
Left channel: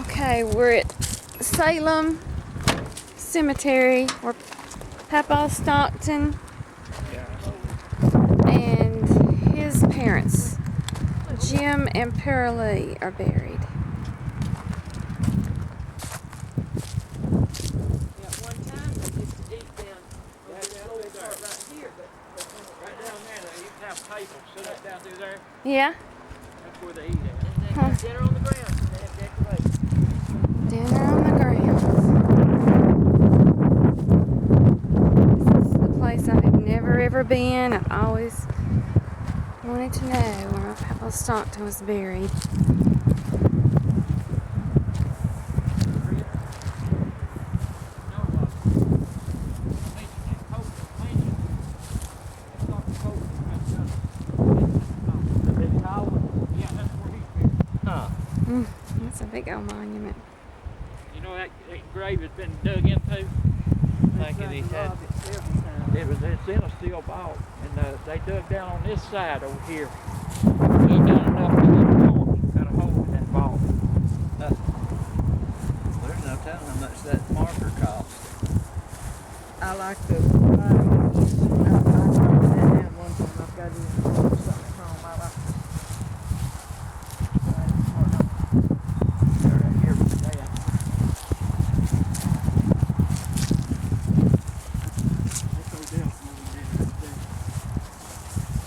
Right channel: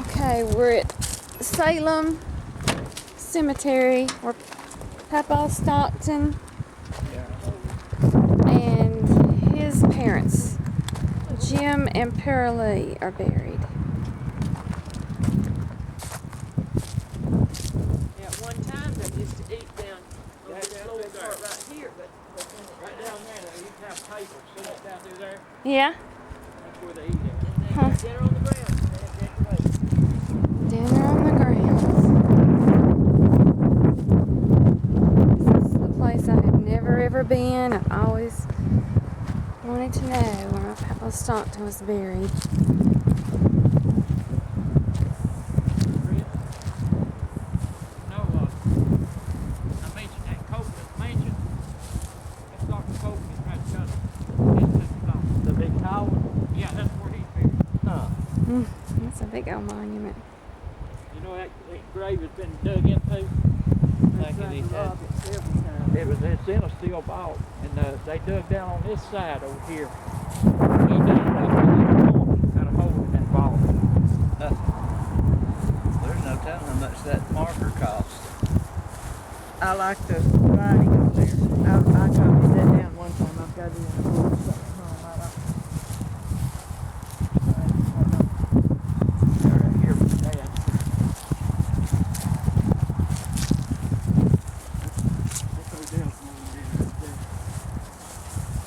Okay, we're at Salem Cemetery where Papa Stockton and his parents, Jim and Pearlie, are buried. Yeah, at one time they used to eat down on this lower part right here, but Right down there, they used to have tables set up down through there. Yeah? That's where they eat at. they had dinner on the ground and they had decorations. Dinner on the grounds. This is the place I have never ever been. I've always wanted to know where my Papa Stockton was buried. I mentioned that Copeland mansion. That's Dr. Copeland had done. The big tower? Yeah, that's where he's buried. Huh. That's a big old monument. You know that grave has been dug into? Thinking he had. It's in a steel vault, and they dug down on this side over here. Dug down enough to get the torch, got a hole in that vault. There's no telling how much that marker cost. I like the writing on there. I copied that down one time. I've got it in a book or something at home. I like to write it. They're right here with Dad. That's Odell's moving in right there.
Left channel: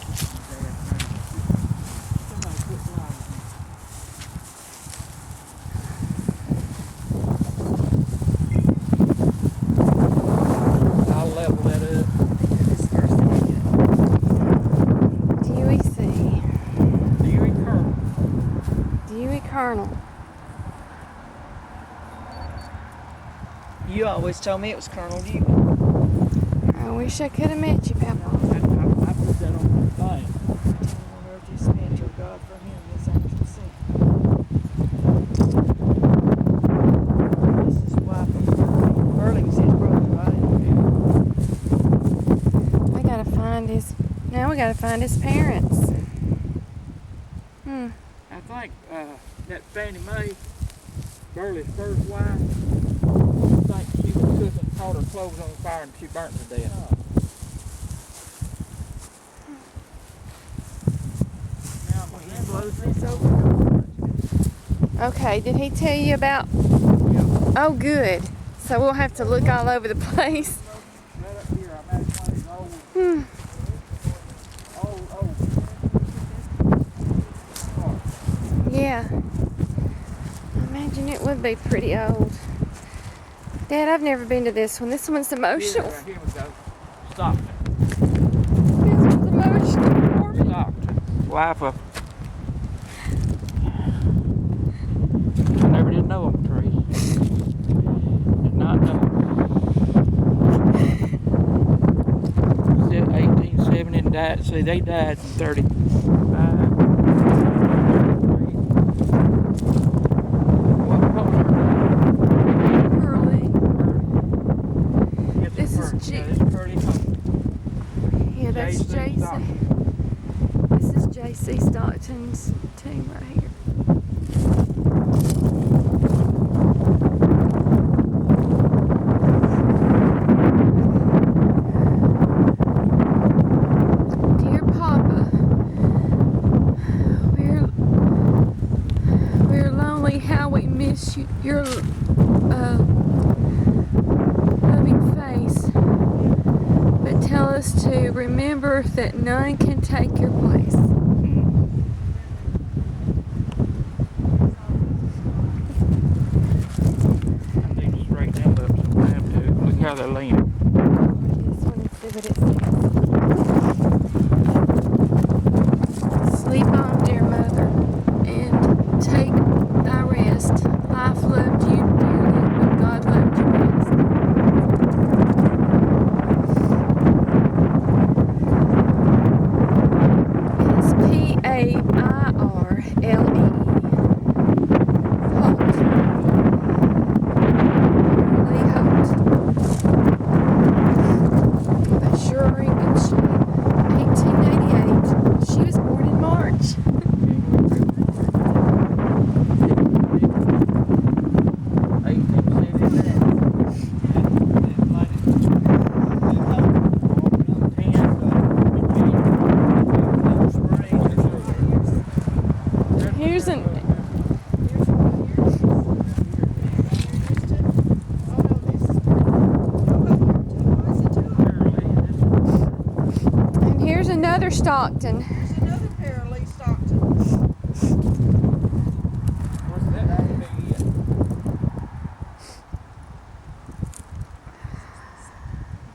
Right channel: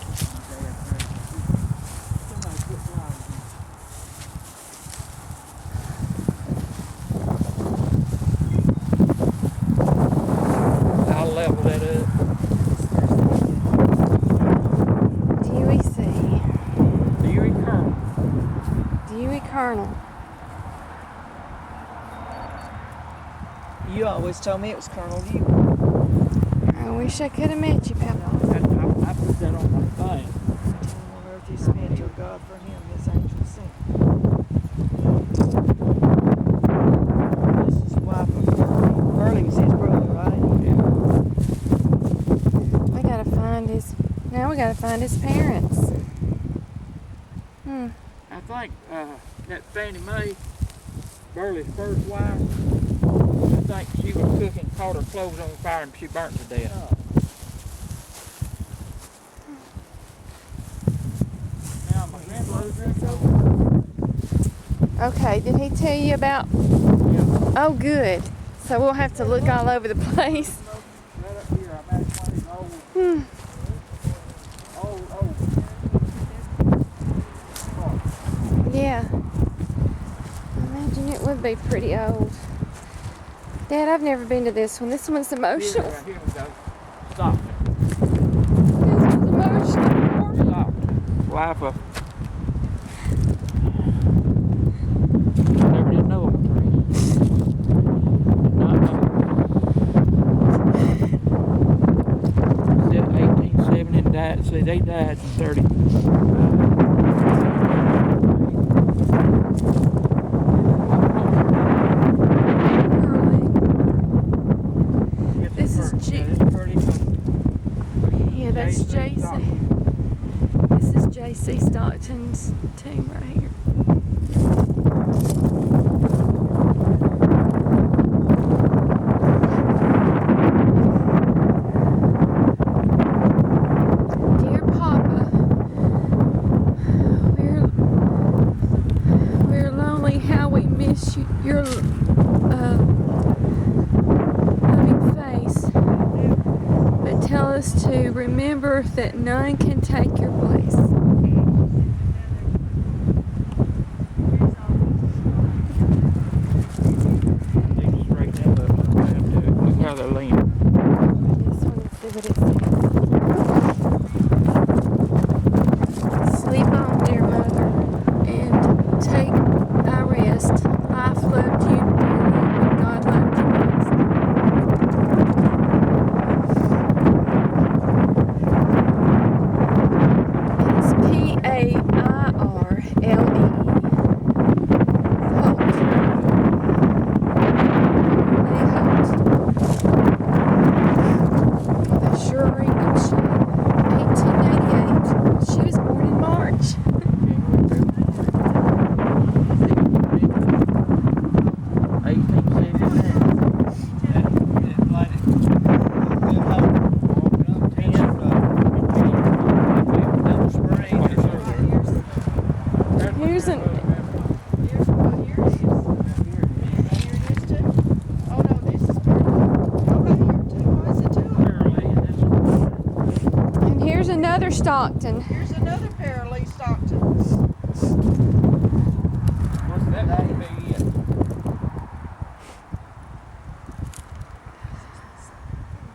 This is my dad's grave. Somebody put flowers in. I'll level that up. This first thing I get. Dewey C. Dewey Colonel. Dewey Colonel. You always told me it was Colonel Dewey. I wish I could have met you, Papa. I put that on my thing. Tell him on earth he spent your God for him, his angel sent. This is wife of Burley. Burley was his brother, right? We gotta find his. Now we gotta find his parents. I think that Fannie Mae, Burley's first wife, I think she was cooking, caught her clothes on fire, and she burnt to death. Now my grandmother's Okay, did he tell you about? Yeah. Oh, good. So we'll have to look all over the place. Right up here, I imagine one of these old, old parks. Yeah. I imagine it would be pretty old. Dad, I've never been to this one. This one's emotional. Here we go. Stockton. This was emotional for me. Stockton. Wife of. I never did know him, Theresa. Did not know him. 1870 and died. See, they died in 35. What was her name? Curly. Yes, This is Curly. Yeah, this is Curly Hope. Yeah, that's J.C. JC. Stockton. This is JC Stockton's tomb right here. Dear Papa, we're lonely. How we miss you, your loving face. But tell us to remember that none can take your place. I need to straighten them up sometime too. Look how they're leaning. This one and see what it says. Sleep on, dear mother, and take thy rest. Life loved you dearly, but God loved you best. And it's Pairlee. Holt. Pairlee Holt. Well, they sure are in good shape. 1888. She was born in March. 1879. Here's an. Oh no, this is pretty. Oh, right here too. Oh, is it two of them? And here's another Stockton. Here's another Pairlee Stockton. What's that one to be it?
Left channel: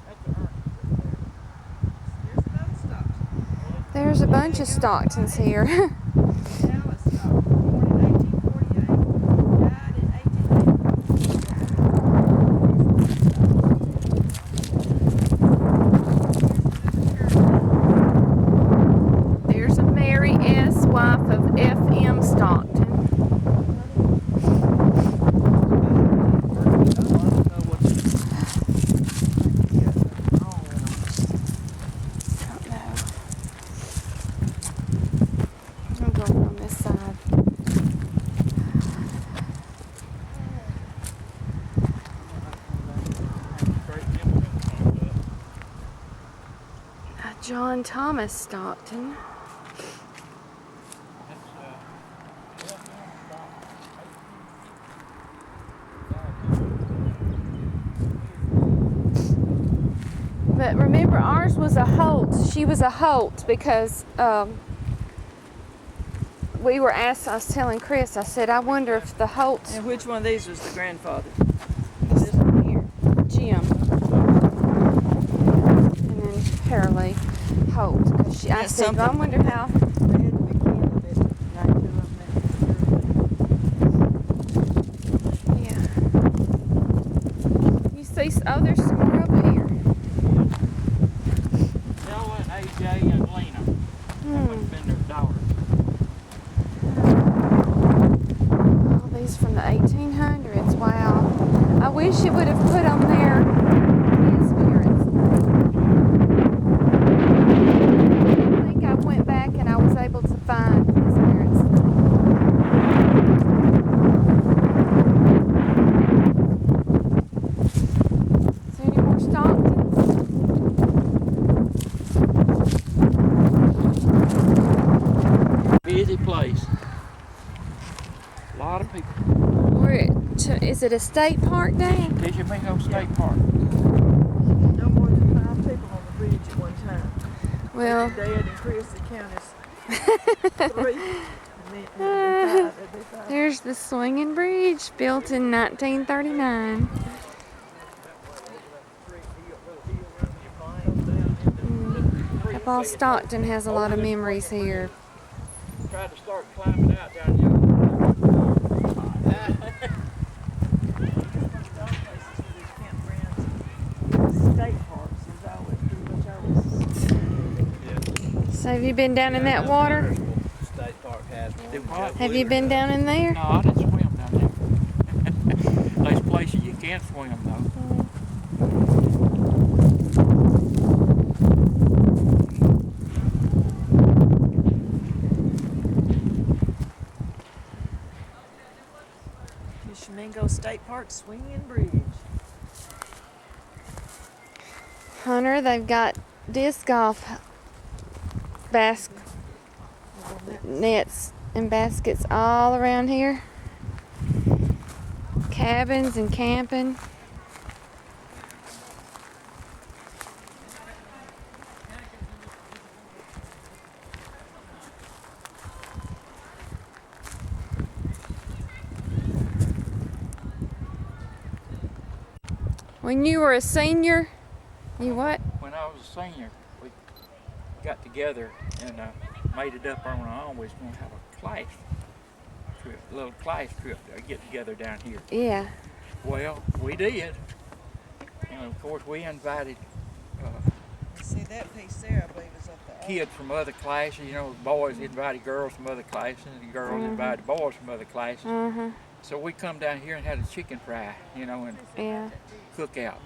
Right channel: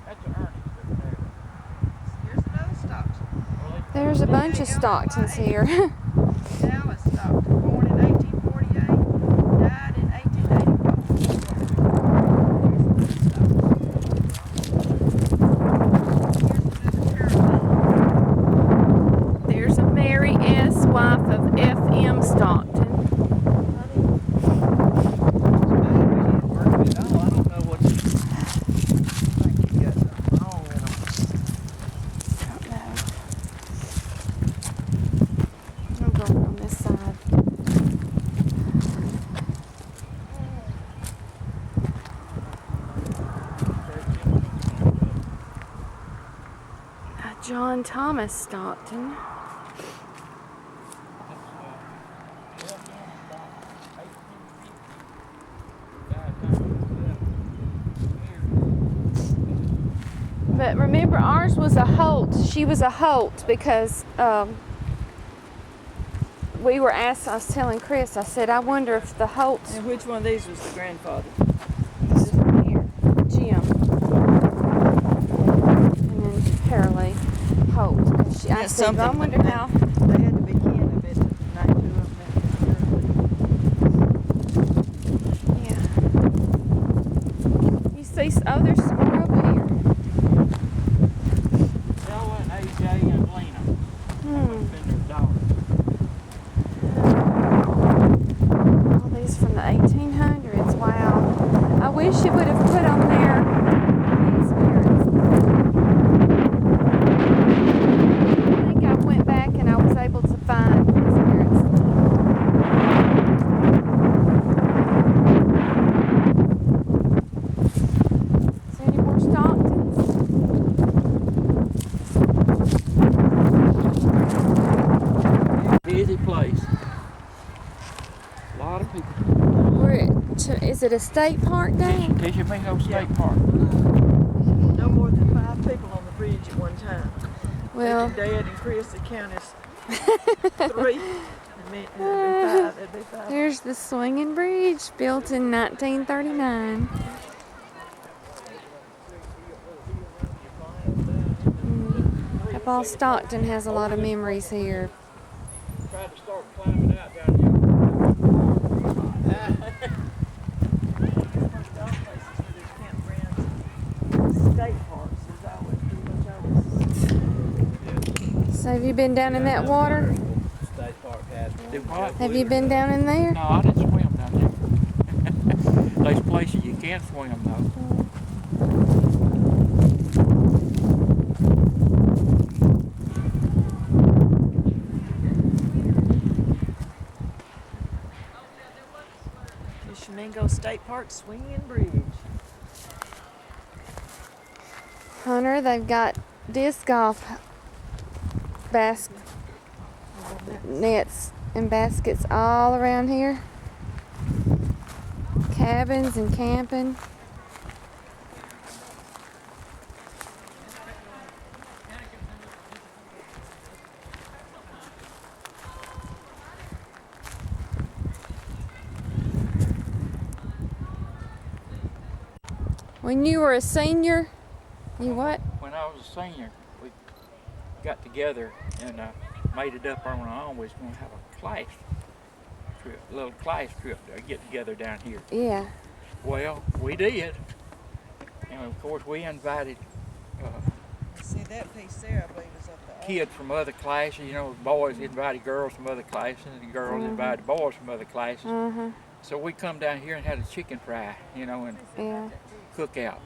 That's an Ernest up there. Here's another Stockton. There's a bunch of Stocktons here. Dallas Stockton, born in 1848, died in 1884. There's a Mary S., wife of F.M. Stockton. Working it all. I don't know what you think you got something wrong with them. Don't know. I'm going on this side. John Thomas Stockton. But remember, ours was a Holt. She was a Holt because we were asked. I was telling Chris. I said, I wonder if the Holts. And which one of these was the grandfather? This one here, Jim, and then Pairlee Holt. 'Cause I That's said, I something. wonder how. They had to be kin of it to name two of them. Yeah. You see? Oh, there's some more over here. Stella and AJ and Lena. Hmm. Been their daughters. All these from the 1800s. Wow. I wish it would have put on there his parents' name. I think I went back and I was able to find his parents' name. busy place. A lot of people. Is it a state park, Dad? Tishomingo State Park. No more than 5 people on the bridge at one time. Well, Even Dad and Chris, the count is 3. It'd be 5. there's the swinging bridge, built in 1939. Papa Stockton has a lot of memories here. Tried to start climbing out down here. Most of those places where there's campgrounds, state parks, there's always pretty much always. So have you been down in that water? State Park has one. Do what? Have you been down in there? No, I didn't swim down there. There's places you can swim though. Tishomingo State Park Swinging Bridge. Hunter, they've got disc golf nets and baskets all around here. Cabins and camping. When you were a senior, you what? When I was a senior, we got together and made it up on our own. We was going to have a class trip, a little class trip to get together down here. Yeah. Well, we did. And of course, we invited See that piece there, I believe, is up the kids from other classes. You know, boys invited girls from other classes, and girls invited boys from other classes. So we come down here and had a chicken fry, you know, and Yeah. cookout.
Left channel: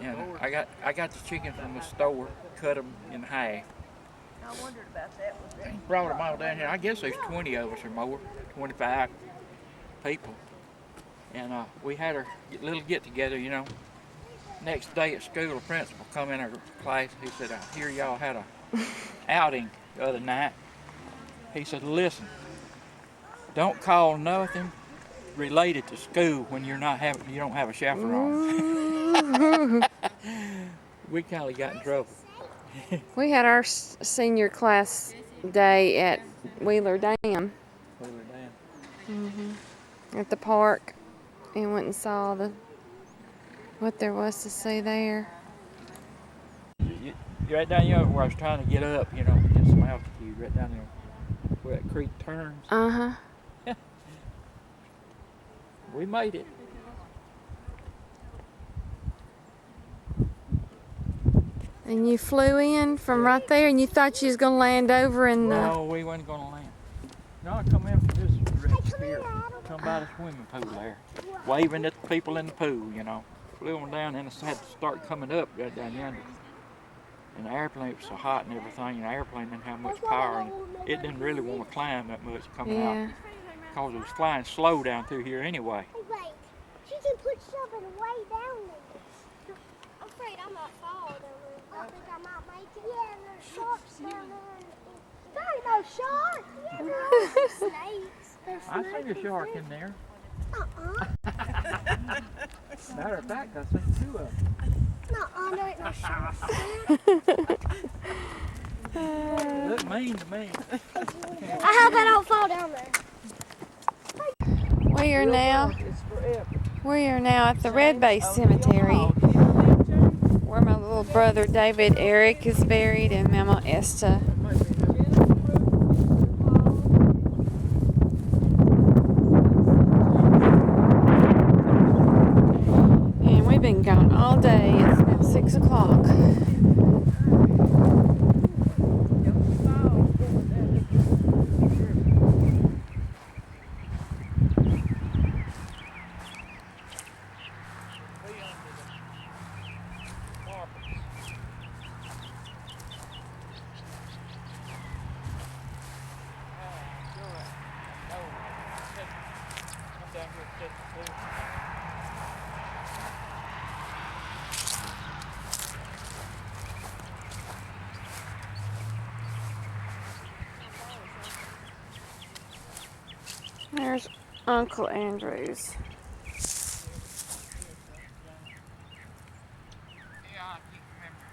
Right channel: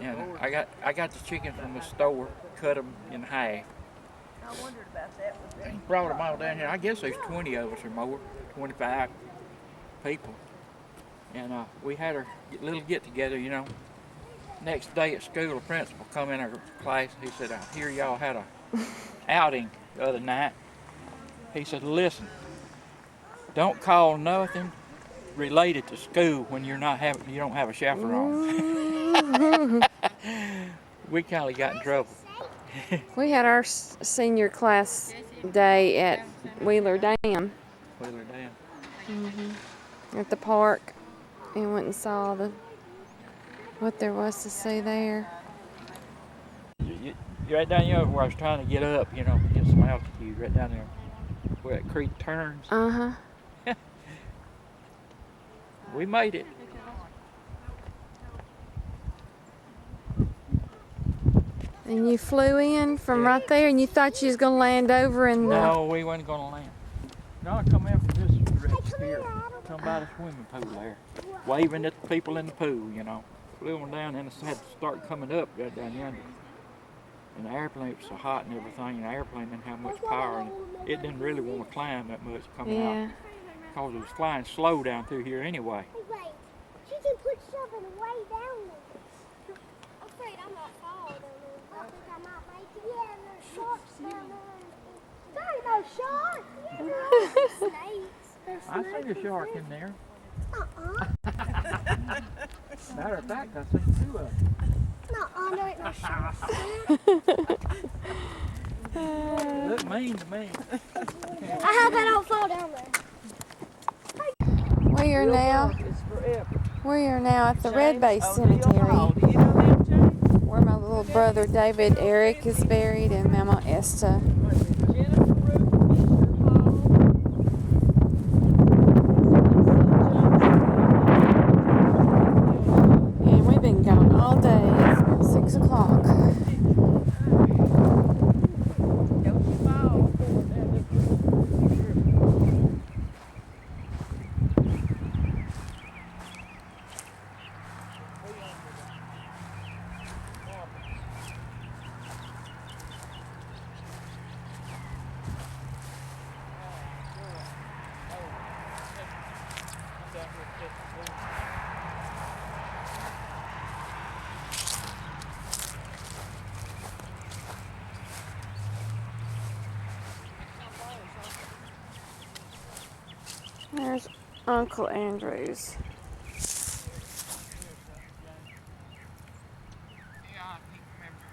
And I got the chicken from the store, cut them in half. I wondered about that. Brought them all down here. I guess there's 20 of us or more, 25 people. And we had our little get together, you know. Next day at school, the principal come in our class. He said, I hear y'all had a outing the other night. He said, listen, don't call nothing related to school when you don't have a chaperone. We kind of got in trouble. We had our senior class day at Wheeler Dam Wheeler Dam. at the park, and went and saw what there was to see there. You're right down here where I was trying to get up, you know, get some altitude, right down there where that creek turns. We made it. And you flew in from right there, and you thought you was gonna land over in the... No, we wasn't gonna land. No, I come in from this direction here, come by the swimming pool there, waving at the people in the pool, you know. Flew them down and had to start coming up right down yonder. And the airplane was so hot and everything, and the airplane didn't have much power, and it didn't really want to climb that much coming out, because it was flying slow down through here anyway. Hey, wait. She can put something way down there. I'm afraid I might fall down there. I think I might make it. Yeah, there's sharks down there. There ain't no shark. Yeah, there's snakes. There's I see a shark in there. Matter of fact, I seen 2 of them. There ain't no sharks. They look mean to me. I hope I don't fall down there. We are now at the Red Bay Cemetery, Do you know them, James? where my little brother David Eric is buried, and Mama Esta. Jennifer, Ruth, Mr. Hall. And we've been gone all day. It's now 6 o'clock. Don't you fall. There's Uncle Andrews. Yeah, I can't remember.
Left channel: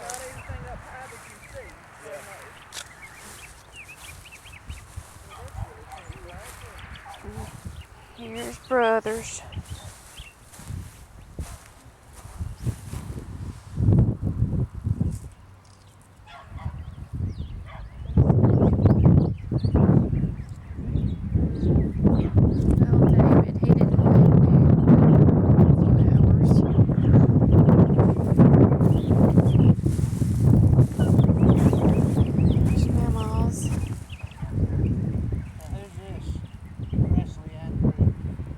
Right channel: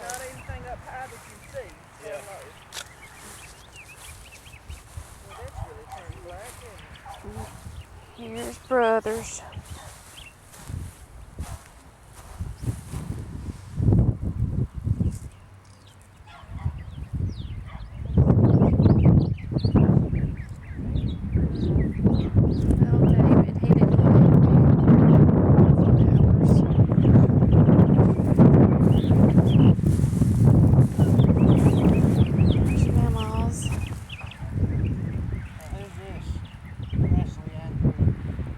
Not anything up high that you see. So Yeah. low. Well, that's really pretty black, isn't it? Here's Brothers. Oh, David, he didn't live there a few hours. There's Mama's. Who's this? Presley Andrew.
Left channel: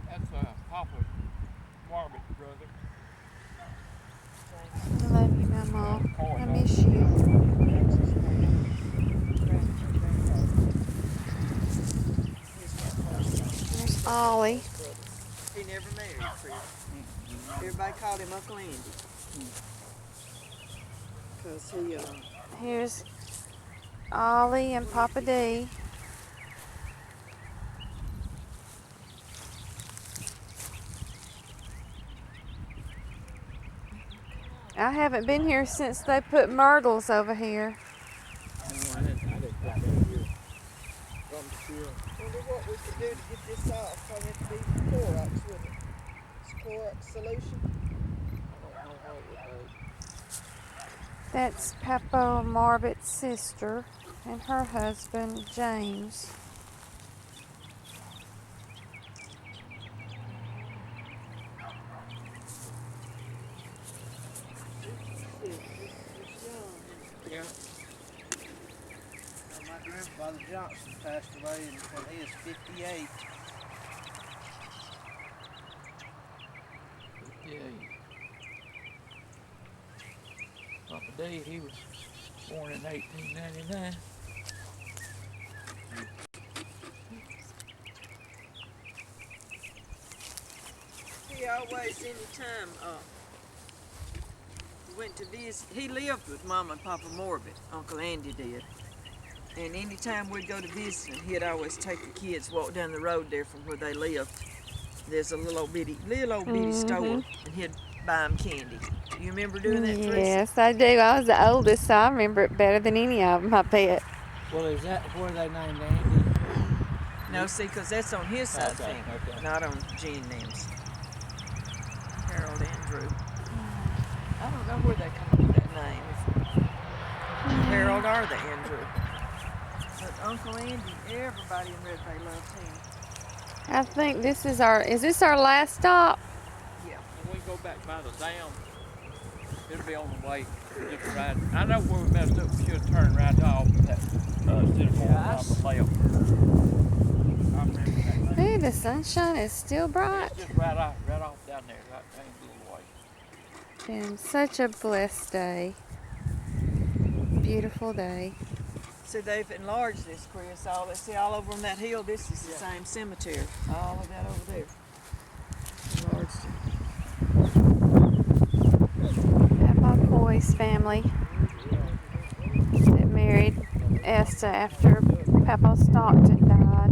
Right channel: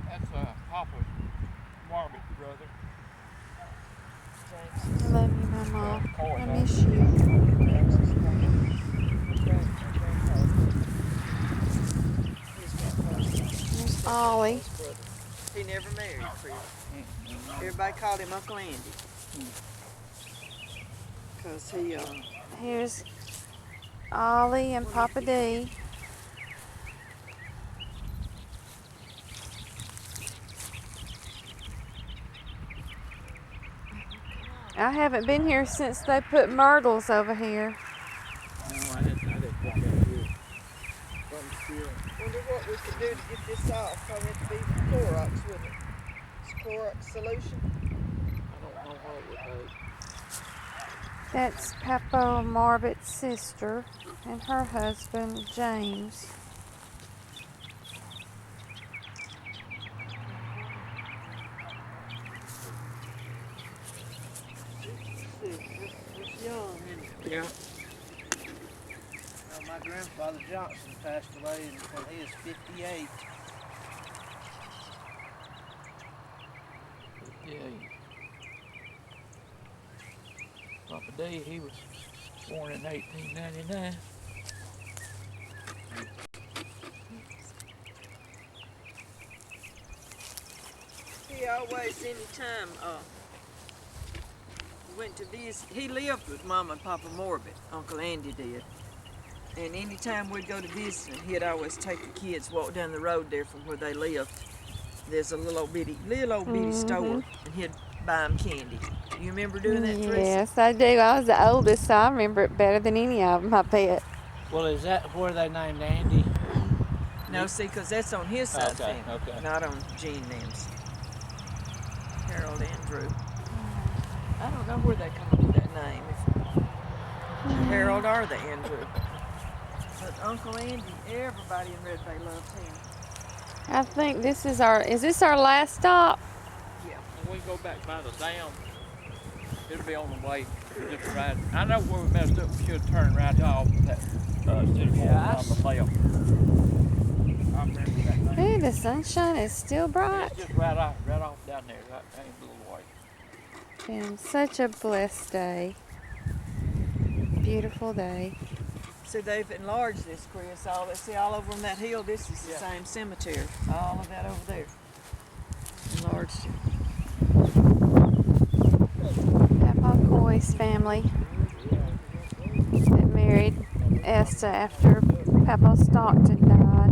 That's Papa Margaret's brother. I love you, Mama. Coy, I miss you. There's Ollie. He never married, Chris. Everybody called him Uncle Andy. Because he, Here's Ollie and Papa D. I haven't been here since they put myrtles over here. No, I didn't put that here. Something to feel. wonder what we could do to get this off. Probably have to be Clorox, wouldn't it? It's Clorox solution. I don't know what it would take. That's Papa Margaret's sister and her husband, James. It's young, isn't it? Yeah. My grandfather Johnson passed away when he was 58. Yeah. Papa D, he was born in 1899. He always, anytime, went to visit, he lived with Mama and Papa Morbid, Uncle Andy did. And anytime we'd go to visit him, he'd always take the kids, walk down the road there from where they lived. There's a little old bitty store, and he'd buy them candy. You remember doing that, Theresa? Yes, I do. I was the oldest, so I remember it better than any of them, I bet. Well, is that where they named Andy? No, see, because that's on his side of the Okay, family, okay. not on Jean Nam's. Harold Andrew. I don't know where they come up with that name. If Harold or the Andrew. But Uncle Andy, everybody in Red Bay loved him. I think this is our last stop? Yeah. When we go back by the dam, it'll be on the way. Just right. I know where we messed up. We should have turned right off that instead of going on the left. I remember that thing. Ooh, the sunshine is still bright. It's just right off down there. Right down the little way. Been such a blessed day. Beautiful day. See, they've enlarged this, Chris. All over on that hill, this is the same cemetery. All of that over there. Enlarged it. Papa Coy's family that married Esther after Papa Stockton died.